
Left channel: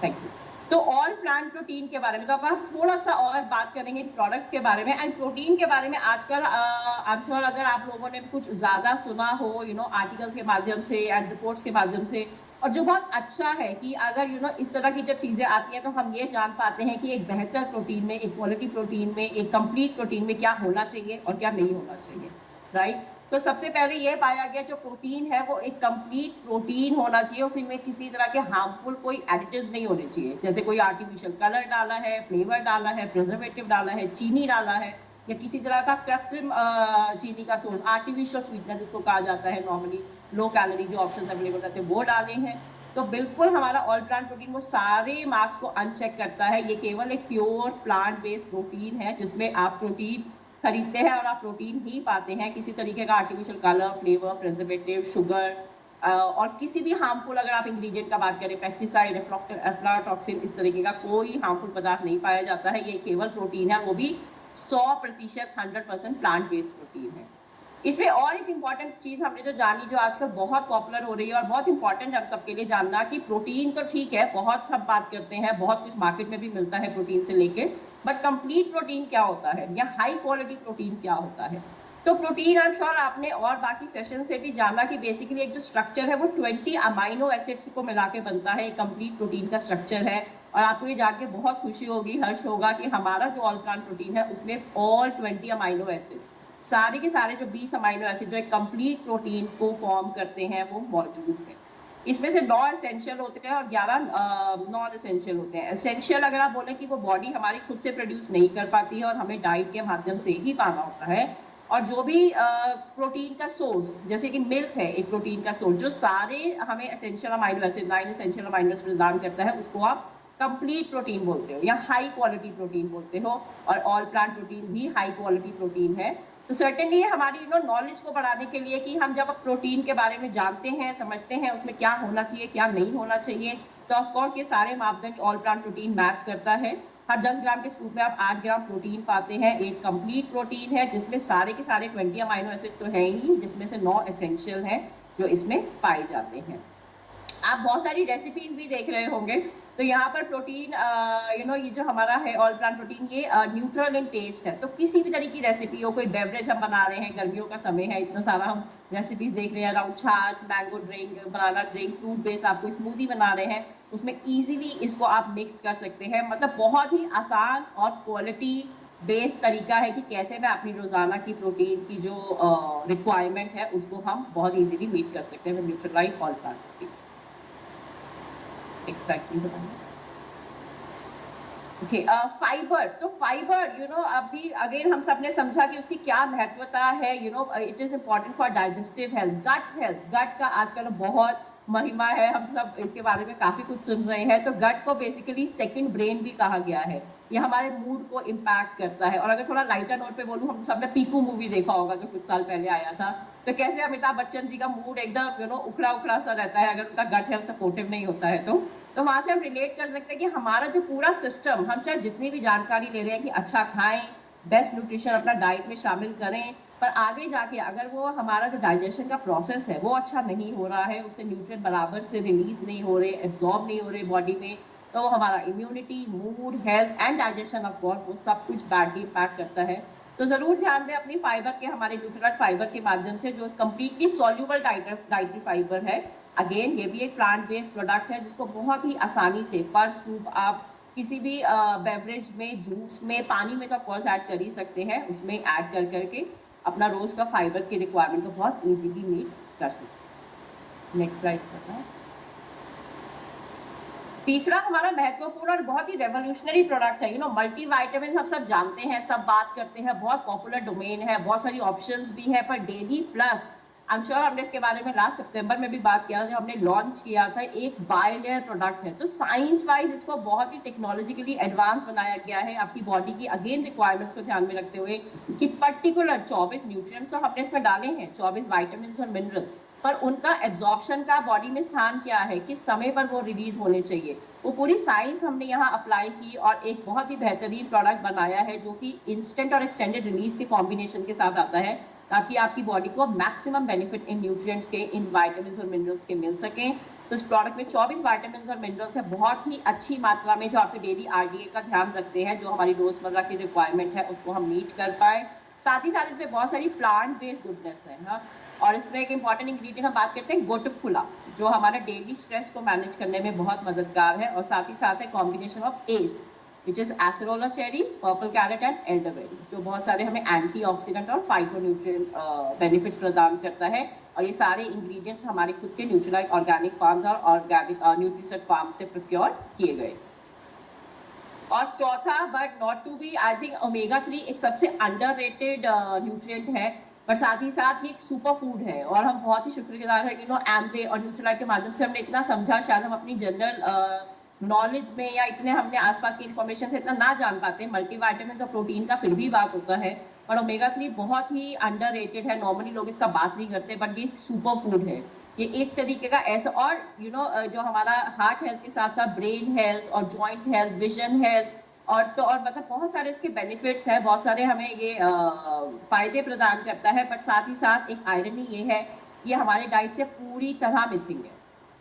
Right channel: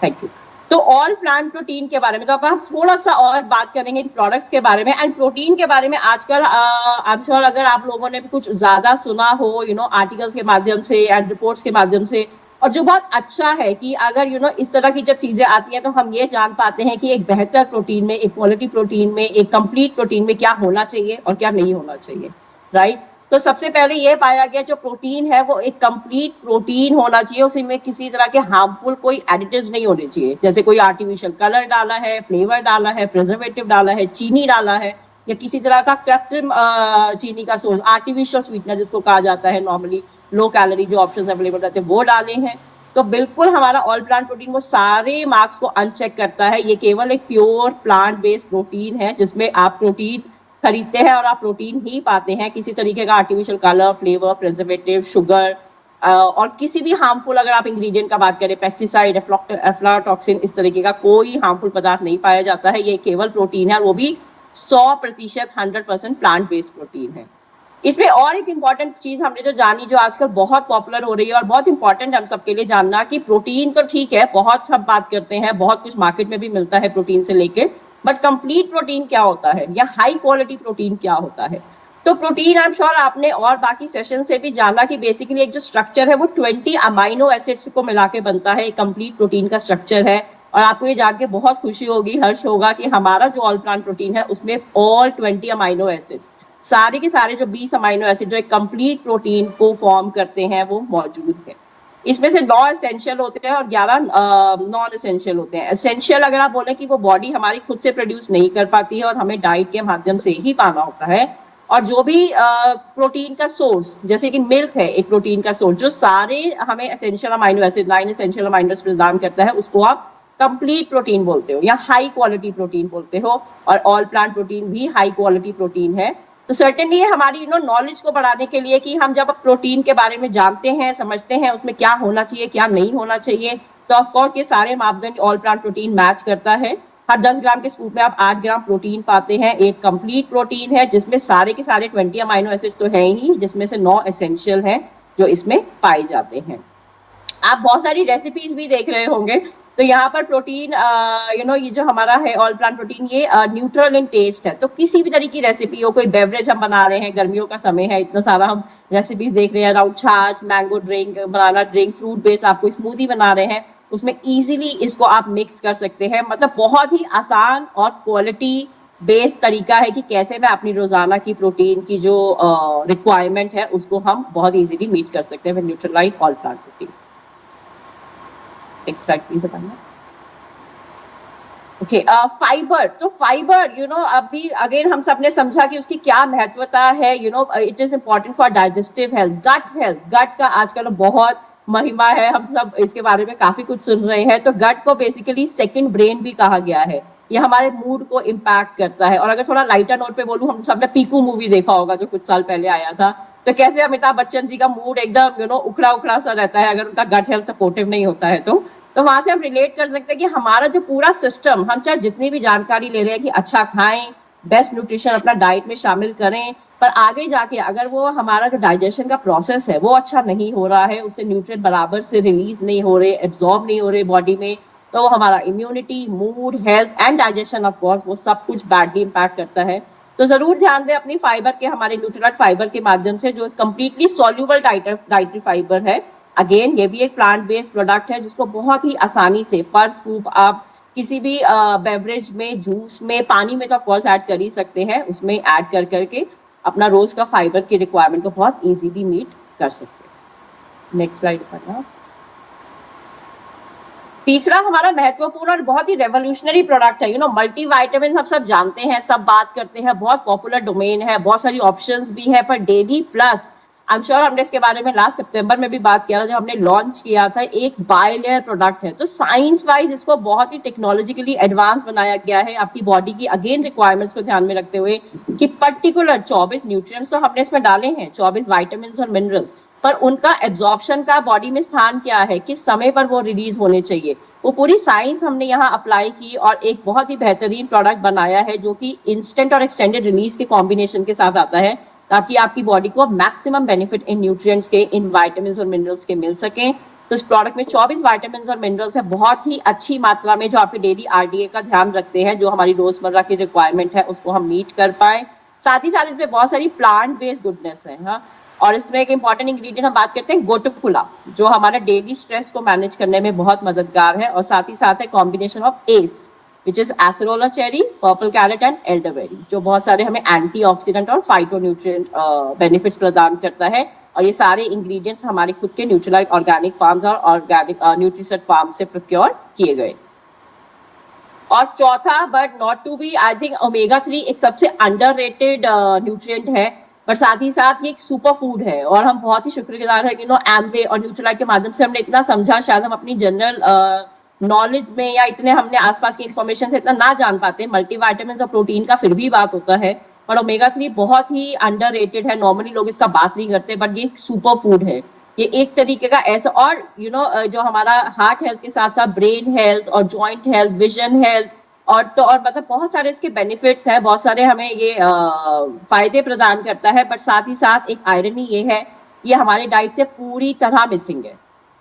थैंक यू। तो ऑल प्लांट प्रोटीन के बारे में तो अब हम थोड़ा सा और बात करेंगे प्रोडक्ट्स के बारे में एंड प्रोटीन के बारे में। आजकल आई एम श्योर अगर आप लोगों ने कुछ ज्यादा सुना हो आर्टिकल्स के माध्यम से एंड रिपोर्ट्स के माध्यम से, और जो बहुत अच्छा है कि अगर इस तरह की जब चीजें आती हैं तो हम ये जान पाते हैं कि एक बेहतर प्रोटीन में, एक क्वालिटी प्रोटीन में, एक कंप्लीट प्रोटीन में क्या होना चाहिए और क्या नहीं होना चाहिए, राइट। तो सबसे पहले ये पाया गया जो प्रोटीन है वो एक कंप्लीट प्रोटीन होना चाहिए, उसमें किसी तरह के हार्मफुल कोई एडिटिव्स नहीं होने चाहिए, जैसे कोई आर्टिफिशियल कलर डाला है, फ्लेवर डाला है, प्रिजर्वेटिव डाला है, चीनी डाला है, या किसी तरह का कृत्रिम चीनी का सोर्स, आर्टिफिशियल स्वीटनर जिसको कहा जाता है, नॉर्मली लो कैलोरी जो ऑप्शन अवेलेबल रहते हैं वो डाले हैं। तो बिल्कुल हमारा ऑल प्लांट प्रोटीन वो सारे मार्क्स को अनचेक करता है। ये केवल एक प्योर प्लांट बेस्ड प्रोटीन है जिसमें आप प्रोटीन खरीदते हैं और आप प्रोटीन ही पाते हैं, किसी तरीके का artificial colour, flavour, preservative, sugar और किसी भी हार्मफुल, अगर आप इंग्रेडिएंट का बात करें, पेस्टिसाइड, एफ्लाटॉक्सिन, इस तरीके का कोई हार्मफुल पदार्थ नहीं पाया जाता है। ये केवल प्रोटीन है और वो भी 100% 100% प्लांट बेस्ड प्रोटीन है। इसमें और एक इम्पॉर्टेंट चीज हमने जो जानी, जो आजकल बहुत पॉपुलर हो रही है और बहुत इंपॉर्टेंट है हम सबके लिए जानना, कि प्रोटीन तो ठीक है, बहुत सब बात करते हैं, बहुत कुछ मार्केट में भी मिलता है प्रोटीन से लेके, बट कंप्लीट प्रोटीन क्या होता है या हाई क्वालिटी प्रोटीन क्या होता है। तो प्रोटीन आई एम श्योर आपने और बाकी सेशन से भी जाना कि बेसिकली एक जो स्ट्रक्चर है वो 20 अमाइनो एसिड्स को मिला के बनता है, एक कंप्लीट प्रोटीन का स्ट्रक्चर है। और आपको ये जान के बहुत खुशी होगी, हर्ष होगा कि हमारा जो ऑल प्लांट प्रोटीन है उसमें ऑल 20 अमाइनो एसिड्स, सारे के सारे जो 20 अमाइनो एसिड जो एक कंप्लीट प्रोटीन को फॉर्म करते हैं वो मौजूद है। इसमें से 9 एसेंशियल होते हैं और 11 नॉन एसेंशियल होते हैं। एसेंशियल अगर आप बोले कि वो बॉडी हमारी खुद से प्रोड्यूस नहीं कर पाती है और हमें डाइट के माध्यम से ही पाना होता है। और जो भी प्रोटीन का सोर्स, जैसे कि मिल्क है एक प्रोटीन का सोर्स, जो सारे हमें essential amino acid 9 essential amino acid प्रदान करता है, उसको आप कंप्लीट प्रोटीन बोलते हो या हाई क्वालिटी प्रोटीन बोलते हो। और ऑल प्लांट प्रोटीन भी हाई क्वालिटी प्रोटीन है। तो सर्टेनली हमारी नॉलेज को बढ़ाने के लिए कि हम जब प्रोटीन के बारे में जानते हैं, समझते हैं उसमें क्या होना चाहिए क्या नहीं होना चाहिए, तो ऑफकोर्स ये सारे मापदंड ऑल प्लांट प्रोटीन मैच करता है। हर 10 ग्राम के स्कूप में आप 8 ग्राम प्रोटीन पाते हैं। एक कंप्लीट प्रोटीन है जिसमें सारे के सारे 20 अमाइनो एसिड्स तो है ही, जिसमें से 9 एसेंशियल हैं जो इसमें पाए जाते हैं। आप बहुत सारी रेसिपीज भी देख रहे होंगे, तो यहाँ पर प्रोटीन ये जो हमारा है ऑल प्लांट प्रोटीन, ये न्यूट्रल इन टेस्ट है। तो किसी भी तरह की रेसिपी हो, कोई बेवरेज हम बना रहे हैं, गर्मियों का समय है, इतना सारा हम रेसिपीज देख रहे हैं अराउंड छाछ, मैंगो ड्रिंक, बनाना ड्रिंक, फ्रूट बेस्ड आपको स्मूदी बना रहे हैं, उसमें इजीली इसको आप मिक्स कर सकते हैं। मतलब बहुत ही आसान और क्वालिटी बेस्ड तरीका है कि कैसे मैं अपनी रोजाना की प्रोटीन की जो रिक्वायरमेंट है उसको हम बहुत इजीली मीट कर सकते हैं Nutrilite all plant protein. Extract बताना। Okay, fibre. तो फाइबर अभी अगेन हम सबने समझा कि उसकी क्या महत्वता है। It is important for digestive health, gut health. Gut का आजकल बहुत महिमा है, हम सब इसके बारे में काफी कुछ सुन रहे हैं। तो गट को बेसिकली सेकंड ब्रेन भी कहा गया है। ये हमारे मूड को इम्पैक्ट करता है। और अगर थोड़ा लाइटर नोट पे बोलूं, हम सबने पीकू मूवी देखा होगा जो कुछ साल पहले आया था, तो कैसे अमिताभ बच्चन जी का मूड एकदम उखड़ा उखड़ा सा रहता है अगर उनका गट हेल्थ सपोर्टिव नहीं होता है। तो वहां से हम रिलेट कर सकते हैं कि हमारा जो पूरा सिस्टम, हम चाहे जितनी भी जानकारी ले रहे हैं कि अच्छा खाएं, बेस्ट न्यूट्रिशन अपना डाइट में शामिल करें, पर आगे जाके अगर वो हमारा जो डाइजेशन का प्रोसेस है वो अच्छा नहीं हो रहा है, उससे न्यूट्रिएंट बराबर से रिलीज नहीं हो रहे, एब्जॉर्ब नहीं हो रहे बॉडी में, तो हमारा immunity, mood, health and digestion of course वो सब कुछ बैडली इम्पैक्ट करता है। तो जरूर ध्यान दें अपनी फाइबर के, हमारे न्यूट्रिएंट फाइबर के माध्यम से, जो कंप्लीटली सॉल्युबल डाइटरी फाइबर है। अगेन ये भी एक प्लांट बेस्ड प्रोडक्ट है जिसको बहुत ही आसानी से पर स्कूप आप किसी भी बेवरेज में, जूस में, पानी में तो ऑफकोर्स ऐड कर ही सकते हैं, उसमें ऐड कर करके अपना रोज का फाइबर की रिक्वायरमेंट को बहुत इजीली मीट कर सकते हैं। नेक्स्ट स्लाइड पर। तीसरा हमारा महत्वपूर्ण और बहुत ही रेवोल्यूशनरी प्रोडक्ट है मल्टी वाइटामिन। हम सब जानते हैं, सब बात करते हैं, बहुत पॉपुलर डोमेन है, बहुत सारी ऑप्शंस भी है, पर daily plus I am sure हमने इसके बारे में लास्ट सितंबर में भी बात किया था जब हमने लॉन्च किया था। एक बायलेयर प्रोडक्ट है, तो साइंस वाइज इसको बहुत ही टेक्नोलॉजिकली एडवांस बनाया गया है आपकी बॉडी की अगेन रिक्वायरमेंट्स को ध्यान में रखते हुए, कि पर्टिकुलर 24 न्यूट्रिएंट्स तो हमने इसमें डाले हैं, 24 वाइटामिन और मिनरल्स, पर उनका एब्जॉर्प्शन का बॉडी में स्थान क्या है, किस समय पर वो रिलीज होने चाहिए, वो पूरी साइंस हमने यहाँ अप्लाई की और एक बहुत ही बेहतरीन प्रोडक्ट बनाया है जो कि इंस्टेंट और एक्सटेंडेड रिलीज के कॉम्बिनेशन के साथ आता है, ताकि आपकी बॉडी को मैक्सिमम बेनिफिट इन न्यूट्रिएंट्स के, इन वाइटामिन और मिनरल्स के मिल सकें। तो इस प्रोडक्ट में 24 वाइटामिन और मिनरल्स है, बहुत ही अच्छी मात्रा में, जो आपके डेली आरडीए का ध्यान रखते हैं, जो हमारी रोजमर्रा की रिक्वायरमेंट है उसको हम मीट कर पाए। साथ ही साथ इसमें बहुत सारी प्लांट बेस्ड गुडनेस है। हाँ, और इसमें एक इंपॉर्टेंट इंग्रेडिएंट हम बात करते हैं गोटुकुला, जो हमारा डेली स्ट्रेस को मैनेज करने में बहुत मददगार है। और साथ ही साथ है combination of S which is acerola cherry, purple carrot and elderberry, जो बहुत सारे हमें एंटीऑक्सीडेंट और फाइटोन्यूट्रिएंट बेनिफिट्स प्रदान करता है। और ये सारे इंग्रेडिएंट्स हमारे खुद के न्यूट्रीलाइट ऑर्गेनिक फार्म्स और ऑर्गेनिक न्यूट्रीसेट फार्म से प्रोक्योर किए गए। और चौथा but not to be, I think omega 3 एक सबसे अंडररेटेड न्यूट्रिएंट है, पर साथ ही साथ ये एक सुपर फूड है। और हम बहुत ही शुक्रगुजार है एम्वे और न्यूट्रीलाइट के माध्यम से हमने इतना समझा, शायद हम अपनी जनरल नॉलेज में या इतने हमने आसपास की इंफॉर्मेशन से इतना ना जान पाते। मल्टीविटामिन और प्रोटीन का फिर भी बात होता है, पर ओमेगा 3 बहुत ही अंडररेटेड है, नॉर्मली लोग इसका बात नहीं करते, बट ये एक सुपर फूड है। ये एक तरीके का ऐसा, और जो हमारा हार्ट हेल्थ के साथ साथ ब्रेन हेल्थ और जॉइंट हेल्थ, विजन हेल्थ और मतलब बहुत सारे इसके बेनिफिट्स हैं, बहुत सारे हमें ये फायदे प्रदान करता है। बट साथ ही साथ एक आयरनी ये है, ये हमारे डाइट से पूरी तरह मिसिंग है,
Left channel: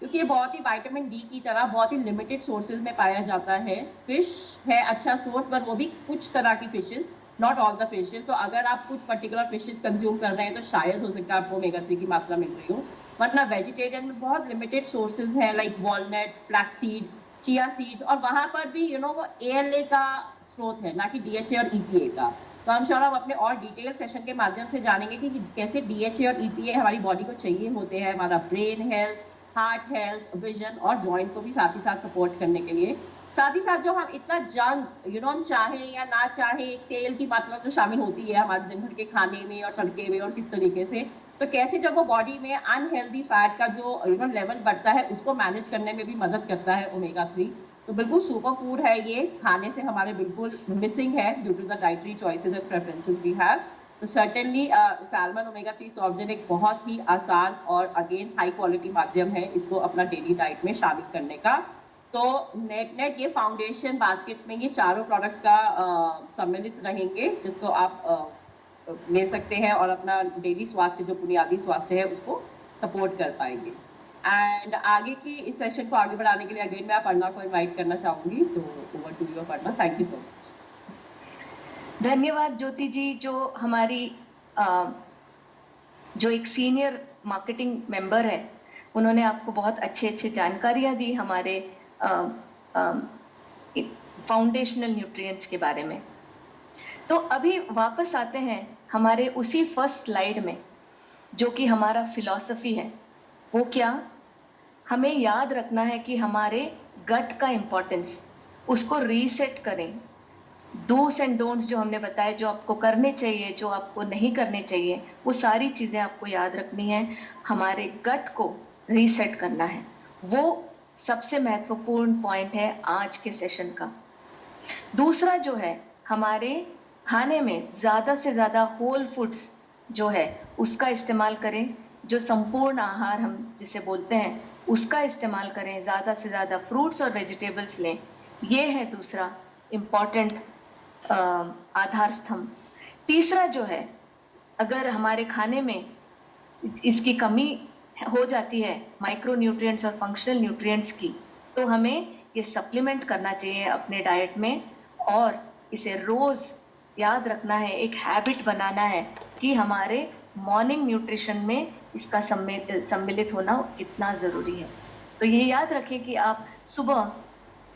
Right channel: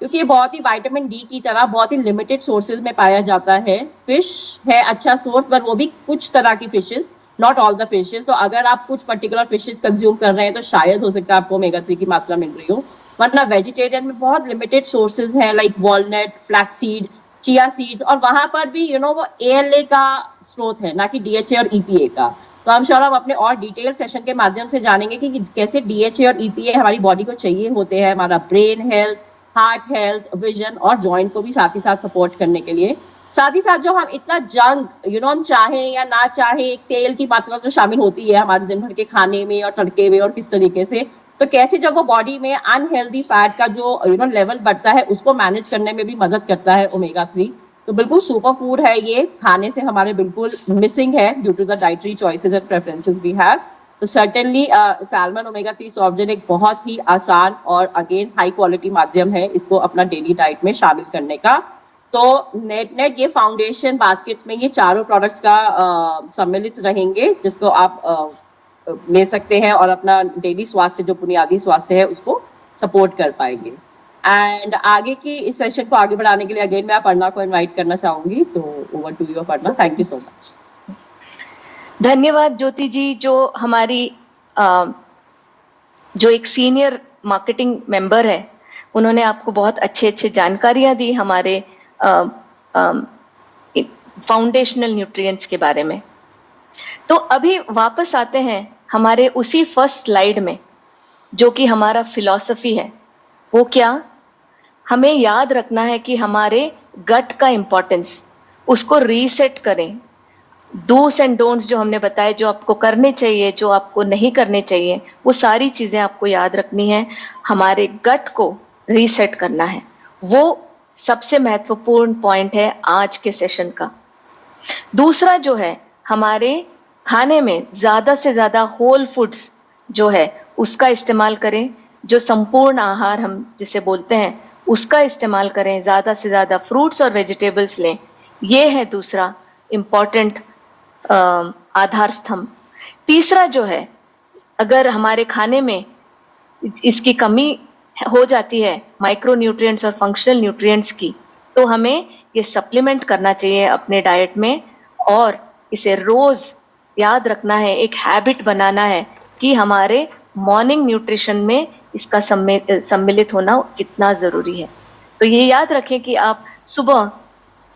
क्योंकि ये बहुत ही विटामिन डी की तरह बहुत ही लिमिटेड सोर्सेज में पाया जाता है। फिश है अच्छा सोर्स, पर वो भी कुछ तरह की fishes, not all the fishes. तो अगर आप कुछ पर्टिकुलर फिशेज कंज्यूम कर रहे हैं तो शायद हो सकता है आपको ओमेगा 3 की मात्रा मिल रही हो, वरना वेजिटेरियन में बहुत लिमिटेड सोर्सेज हैं, like walnut, flaxseed, chia seeds, और वहां पर भी वो ALA का स्रोत है, ना कि DHA और EPA का। तो हम श्योर हम अपने और डिटेल सेशन के माध्यम से जानेंगे कि कैसे DHA और EPA हमारी बॉडी को चाहिए होते हैं, हमारा brain health, heart health, vision और जॉइंट को भी साथ ही साथ सपोर्ट करने के लिए। साथ ही साथ जो हम इतना जंक हम चाहें या ना चाहें, तेल की मात्रा जो शामिल होती है हमारे दिन भर के खाने में और तड़के में और किस तरीके से, तो कैसे जब वो बॉडी में अनहेल्दी फैट का जो लेवल बढ़ता है उसको मैनेज करने में भी मदद करता है ओमेगा 3। तो बिल्कुल सुपर फूड है ये, खाने से हमारे बिल्कुल मिसिंग है due to the dietary choices and preferences we have. तो certainly salmon omega 3 soft drink एक बहुत ही आसान और अगेन हाई क्वालिटी माध्यम है इसको अपना डेली डाइट में शामिल करने का। तो नेट ये फाउंडेशन बास्केट्स में ये चारों प्रोडक्ट्स का सम्मिलित रहेंगे, जिसको आप ले सकते हैं और अपना डेली स्वास्थ्य जो बुनियादी स्वास्थ्य है उसको सपोर्ट कर पाएंगे। एंड आगे की इस सेशन को आगे बढ़ाने के लिए अगेन मैं अपर्णा को इनवाइट करना चाहूंगी। तो over to you Aparna, thank you so much. धन्यवाद ज्योति जी, जो हमारी जो एक सीनियर मार्केटिंग मेंबर है, उन्होंने आपको बहुत अच्छे जानकारियां दी हमारे फाउंडेशनल न्यूट्रिएंट्स के बारे में। तो अभी वापस आते हैं हमारे उसी फर्स्ट स्लाइड में, जो कि हमारा फिलॉसफी है। वो क्या? हमें याद रखना है कि हमारे गट का इंपॉर्टेंस, उसको रीसेट करें। डूस एंड डोंट्स जो हमने बताए, जो आपको करने चाहिए, जो आपको नहीं करने चाहिए, वो सारी चीजें आपको याद रखनी है। हमारे गट को रीसेट करना है, वो सबसे महत्वपूर्ण पॉइंट है आज के सेशन का। दूसरा जो है, हमारे खाने में ज्यादा से ज्यादा होल फूड्स जो है उसका इस्तेमाल करें, जो संपूर्ण आहार हम जिसे बोलते हैं उसका इस्तेमाल करें, ज्यादा से ज्यादा फ्रूट्स और वेजिटेबल्स लें। ये है दूसरा इम्पॉर्टेंट आधार स्तंभ। तीसरा जो है, अगर हमारे खाने में इसकी कमी हो जाती है माइक्रो न्यूट्रिएंट्स और फंक्शनल न्यूट्रिएंट्स की, तो हमें ये सप्लीमेंट करना चाहिए अपने डाइट में, और इसे रोज याद रखना है, एक हैबिट बनाना है कि हमारे मॉर्निंग न्यूट्रिशन में इसका सम्मिलित होना कितना जरूरी है। तो ये याद रखें कि आप सुबह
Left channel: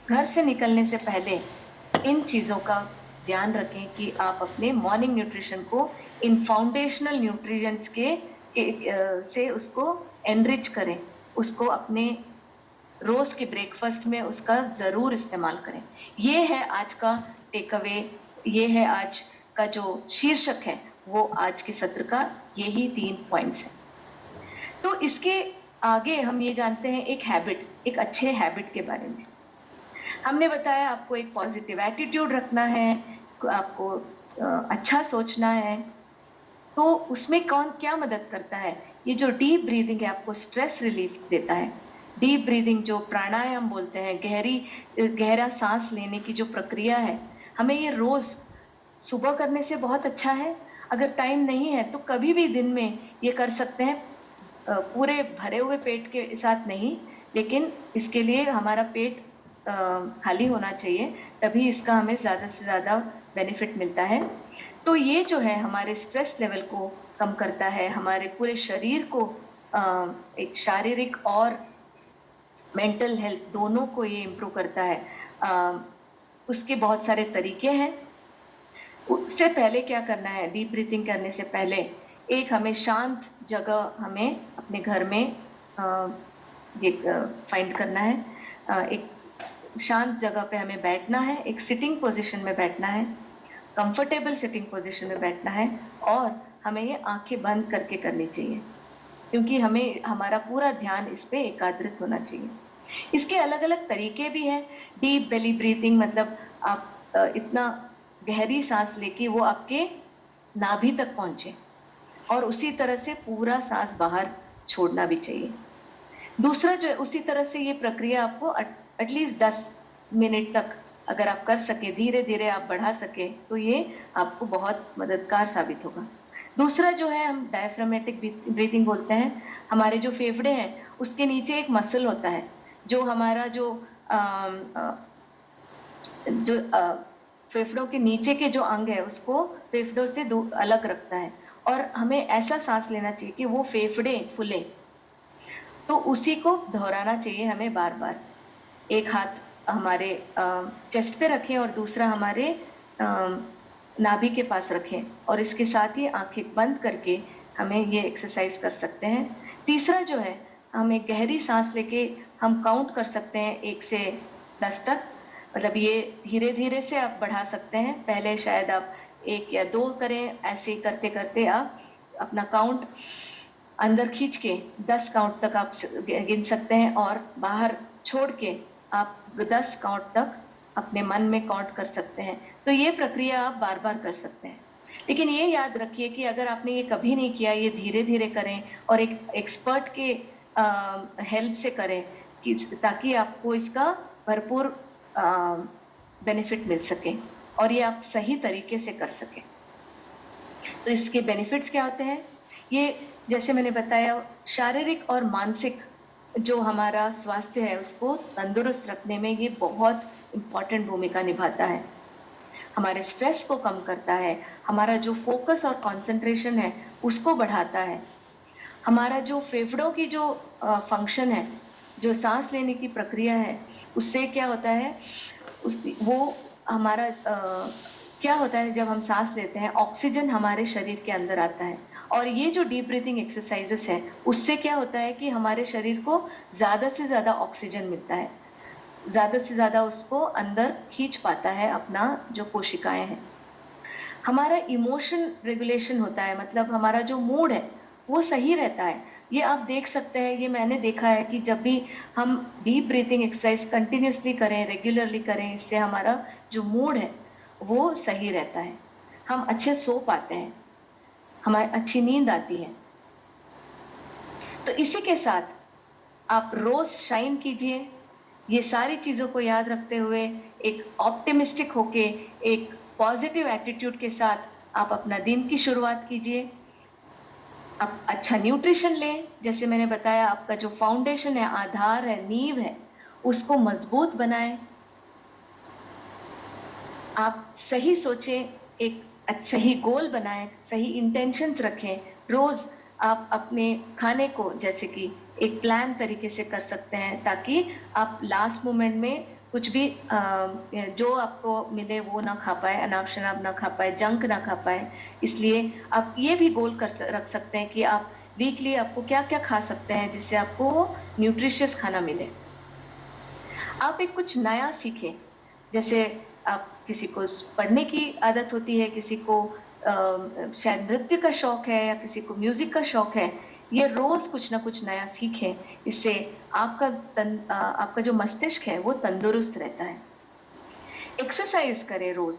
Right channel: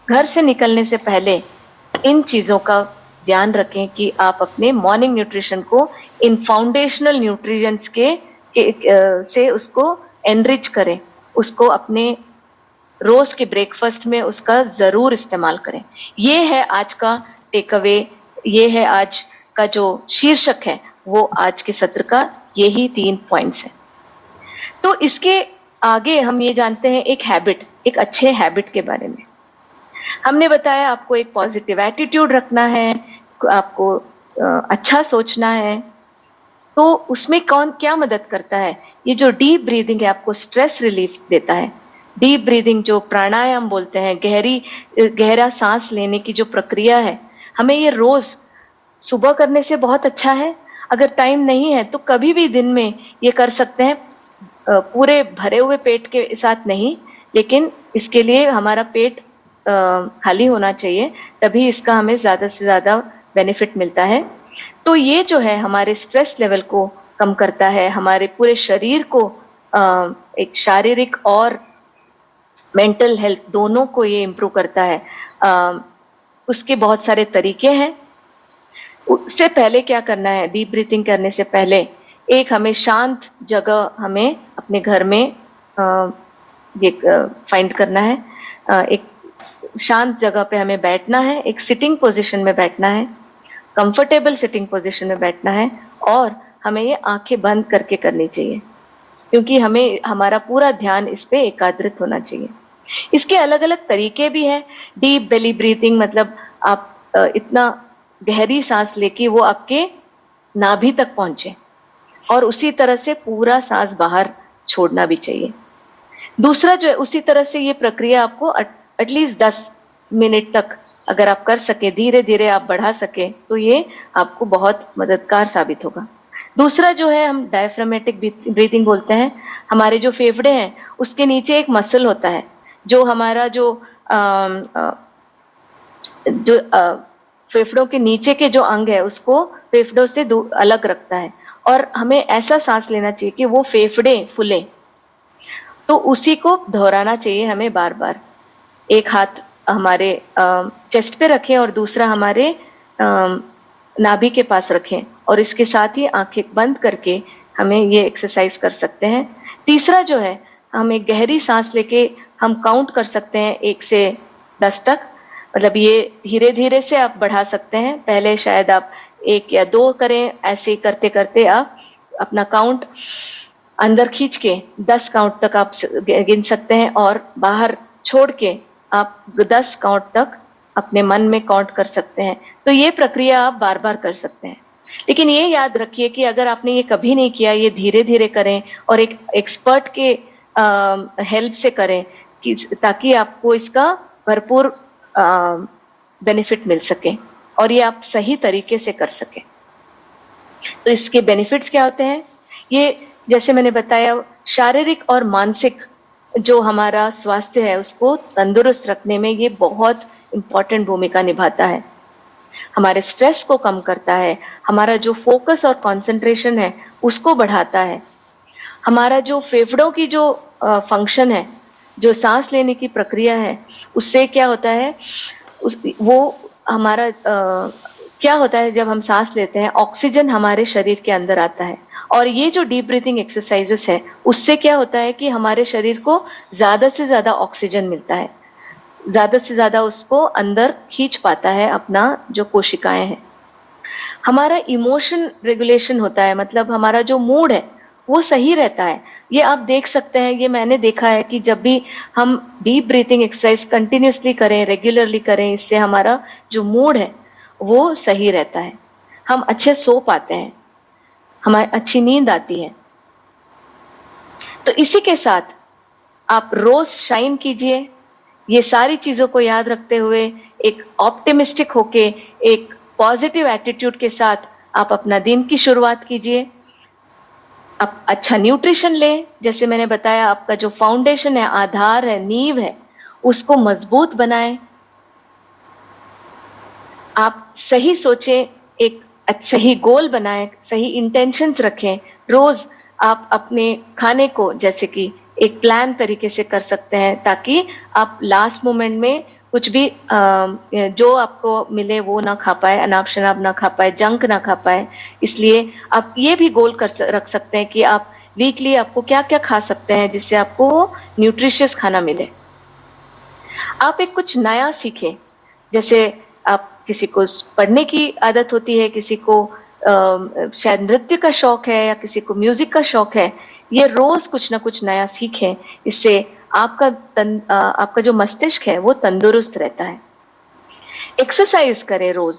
घर से निकलने से पहले इन चीजों का ध्यान रखें कि आप अपने मॉर्निंग न्यूट्रिशन को इन फाउंडेशनल न्यूट्रिएंट्स से उसको एनरिच करें, उसको अपने रोज के ब्रेकफास्ट में उसका जरूर इस्तेमाल करें। ये है आज का टेक अवे, ये है आज का जो शीर्षक है, वो आज के सत्र का यही 3 पॉइंट्स हैं। तो इसके आगे हम ये जानते हैं एक हैबिट, एक अच्छे हैबिट के बारे में। हमने बताया आपको एक पॉजिटिव एटीट्यूड रखना है, आपको अच्छा सोचना है। तो उसमें कौन क्या मदद करता है? ये जो डीप ब्रीदिंग है, आपको स्ट्रेस रिलीफ देता है। डीप ब्रीदिंग जो प्राणायाम बोलते हैं, गहरा सांस लेने की जो प्रक्रिया है, हमें ये रोज सुबह करने से बहुत अच्छा है। अगर टाइम नहीं है तो कभी भी दिन में ये कर सकते हैं, पूरे भरे हुए पेट के साथ नहीं, लेकिन इसके लिए हमारा पेट खाली होना चाहिए, तभी इसका हमें ज्यादा से ज्यादा बेनिफिट मिलता है। तो ये जो है हमारे स्ट्रेस लेवल को कम करता है, हमारे पूरे शरीर को एक शारीरिक और मेंटल हेल्थ दोनों को ये इम्प्रूव करता है। उसके बहुत सारे तरीके हैं। उससे पहले क्या करना है, डीप ब्रीथिंग करने से पहले एक हमें शांत जगह हमें अपने घर में ये फाइंड करना है। एक शांत जगह पे हमें बैठना है, एक सिटिंग पोजीशन में बैठना है, कंफर्टेबल सिटिंग पोजीशन में बैठना है, और हमें ये आंखें बंद करके करनी चाहिए, क्योंकि हमें हमारा पूरा ध्यान इस पे एकाग्रित होना चाहिए। इसके अलग अलग तरीके भी हैं। डीप बेली ब्रीथिंग मतलब आप इतना गहरी सांस लेके वो आपके नाभि तक पहुंचे, और उसी तरह से पूरा सांस बाहर छोड़ना भी चाहिए। दूसरा जो है, उसी तरह से ये प्रक्रिया आपको एटलीस्ट 10 मिनट तक अगर आप कर सके, धीरे धीरे आप बढ़ा सके, तो ये आपको बहुत मददगार साबित होगा। दूसरा जो है हम डायफ्रामेटिक ब्रीथिंग बोलते हैं। हमारे जो फेफड़े हैं उसके नीचे एक मसल होता है जो हमारा जो फेफड़ों के नीचे के जो अंग है उसको फेफड़ों से अलग रखता है, और हमें ऐसा सांस लेना चाहिए कि वो फेफड़े फूले। तो उसी को दोहराना चाहिए हमें बार बार। एक हाथ हमारे चेस्ट पे रखें और दूसरा हमारे नाभि के पास रखें, और इसके साथ ही आंखें बंद करके हमें ये एक्सरसाइज कर सकते हैं। तीसरा जो है, हमें गहरी सांस लेके हम काउंट कर सकते हैं 1 से 10 तक। मतलब ये धीरे धीरे से आप बढ़ा सकते हैं। पहले शायद आप 1 या 2 करें, ऐसे करते करते आप अपना काउंट अंदर खींच के 10 काउंट तक आप गिन सकते हैं, और बाहर छोड़ के आप 10 काउंट तक अपने मन में काउंट कर सकते हैं। तो ये प्रक्रिया आप बार बार कर सकते हैं। लेकिन ये याद रखिए कि अगर आपने ये कभी नहीं किया, ये धीरे धीरे करें और एक एक्सपर्ट के हेल्प से करें, कि ताकि आपको इसका भरपूर बेनिफिट मिल सके और ये आप सही तरीके से कर सकें। तो इसके बेनिफिट्स क्या होते हैं? ये जैसे मैंने बताया, शारीरिक और मानसिक जो हमारा स्वास्थ्य है उसको तंदुरुस्त रखने में ये बहुत इम्पोर्टेंट भूमिका निभाता है। हमारे स्ट्रेस को कम करता है, हमारा जो फोकस और कंसंट्रेशन है उसको बढ़ाता है, हमारा जो फेफड़ों की जो फंक्शन है, जो सांस लेने की प्रक्रिया है, उससे क्या होता है, क्या होता है जब हम सांस लेते हैं, ऑक्सीजन हमारे शरीर के अंदर आता है, और ये जो डीप ब्रीथिंग एक्सरसाइजेस है उससे क्या होता है कि हमारे शरीर को ज्यादा से ज्यादा ऑक्सीजन मिलता है, ज्यादा से ज्यादा उसको अंदर खींच पाता है अपना जो कोशिकाएं हैं। हमारा इमोशन रेगुलेशन होता है, मतलब हमारा जो मूड है वो सही रहता है। ये आप देख सकते हैं, ये मैंने देखा है कि जब भी हम डीप ब्रीथिंग एक्सरसाइज कंटिन्यूसली करें, रेगुलरली करें, इससे हमारा जो मूड है वो सही रहता है, हम अच्छे सो पाते हैं, हमारी अच्छी नींद आती है। तो इसी के साथ आप रोज शाइन कीजिए। ये सारी चीजों को याद रखते हुए एक ऑप्टिमिस्टिक होके, एक पॉजिटिव एटीट्यूड के साथ आप अपना दिन की शुरुआत कीजिए। आप अच्छा न्यूट्रिशन लें, जैसे मैंने बताया, आपका जो फाउंडेशन है, आधार है, नींव है, उसको मजबूत बनाएं। आप सही सोचें, एक सही गोल बनाएं, सही इंटेंशंस रखें। रोज आप अपने खाने को जैसे कि एक प्लान तरीके से कर सकते हैं, ताकि आप लास्ट मोमेंट में कुछ भी जो आपको मिले वो ना खा पाए, अनाप शनाप ना खा पाए, जंक ना खा पाए। इसलिए आप ये भी गोल रख सकते हैं कि आप वीकली आपको क्या क्या खा सकते हैं जिससे आपको न्यूट्रिशियस खाना मिले। आप एक कुछ नया सीखें, जैसे आप किसी को पढ़ने की आदत होती है, किसी को शायद नृत्य का शौक है, या किसी को म्यूजिक का शौक है। ये रोज कुछ ना कुछ नया सीखें, इससे आपका जो मस्तिष्क है वो तंदुरुस्त रहता है। एक्सरसाइज करें रोज,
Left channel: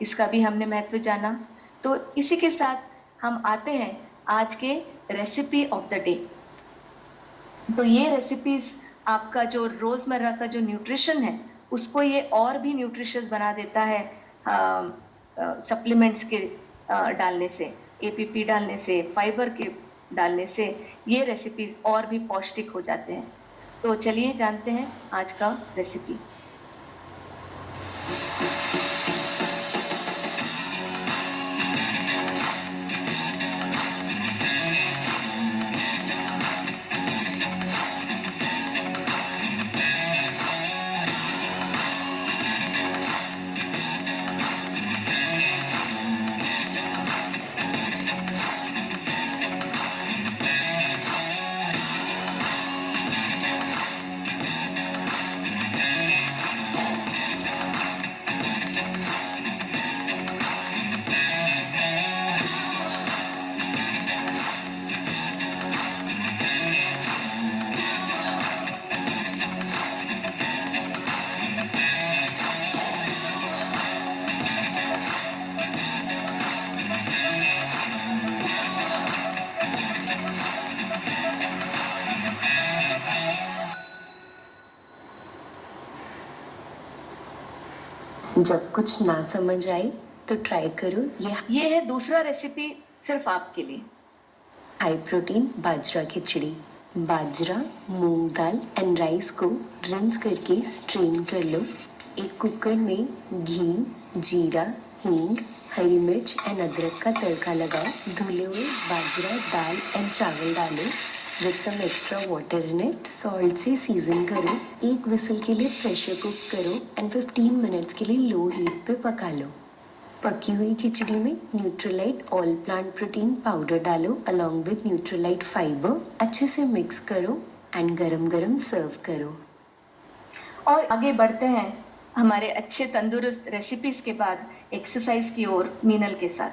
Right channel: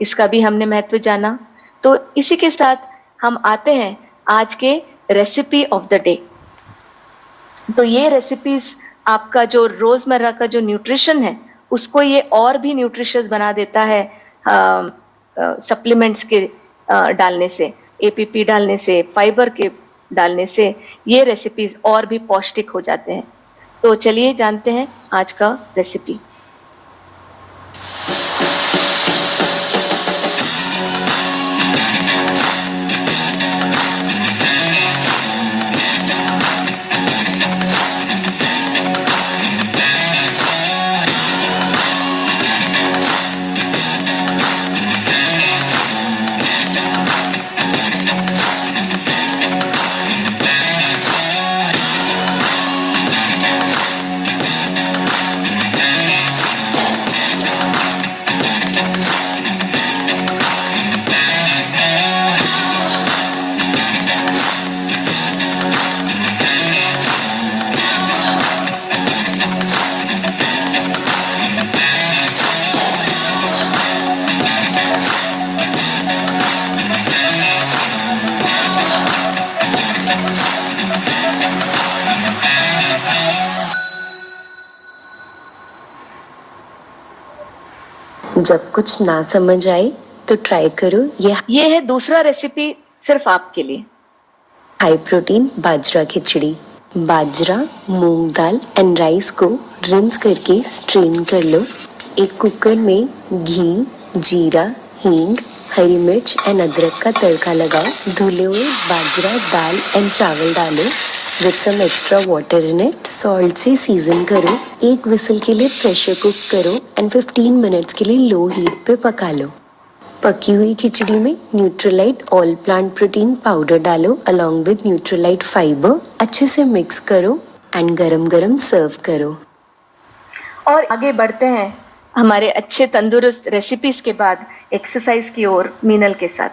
इसका भी हमने महत्व जाना। तो इसी के साथ हम आते हैं आज के रेसिपी ऑफ द डे। तो ये रेसिपीज आपका जो रोजमर्रा का जो न्यूट्रिशन है उसको ये और भी न्यूट्रिशियस बना देता है, सप्लीमेंट्स के डालने से, एपीपी डालने से, फाइबर के डालने से ये रेसिपीज और भी पौष्टिक हो जाते हैं। तो चलिए जानते हैं आज का रेसिपी। जब कुछ ना समझ आए तो ट्राई करो ये है दूसरा रेसिपी सिर्फ आपके लिए। High protein bajra khichdi. Bajra, moong dal and rice को रिंस करके स्ट्रेन कर लो। एक कुकर में घी, जीरा, हींग, हरी मिर्च एंड अदरक का तड़का लगाओ। धुले हुए बाजरा, दाल एंड चावल डालो with some extra water in it. Salt से सीजन करो। एक विसल के लिए प्रेशर कुक करो एंड 15 मिनट्स के लिए लो हीट पे पका लो। पकी हुई खिचड़ी में Nutrilite all plant protein powder डालो अलोंग विद न्यूट्रलाइट फाइबर। अच्छे से मिक्स करो एंड गरम गरम सर्व करो। और आगे बढ़ते हैं हमारे अच्छे तंदुरुस्त रेसिपीज के बाद एक्सरसाइज की ओर मीनल के साथ।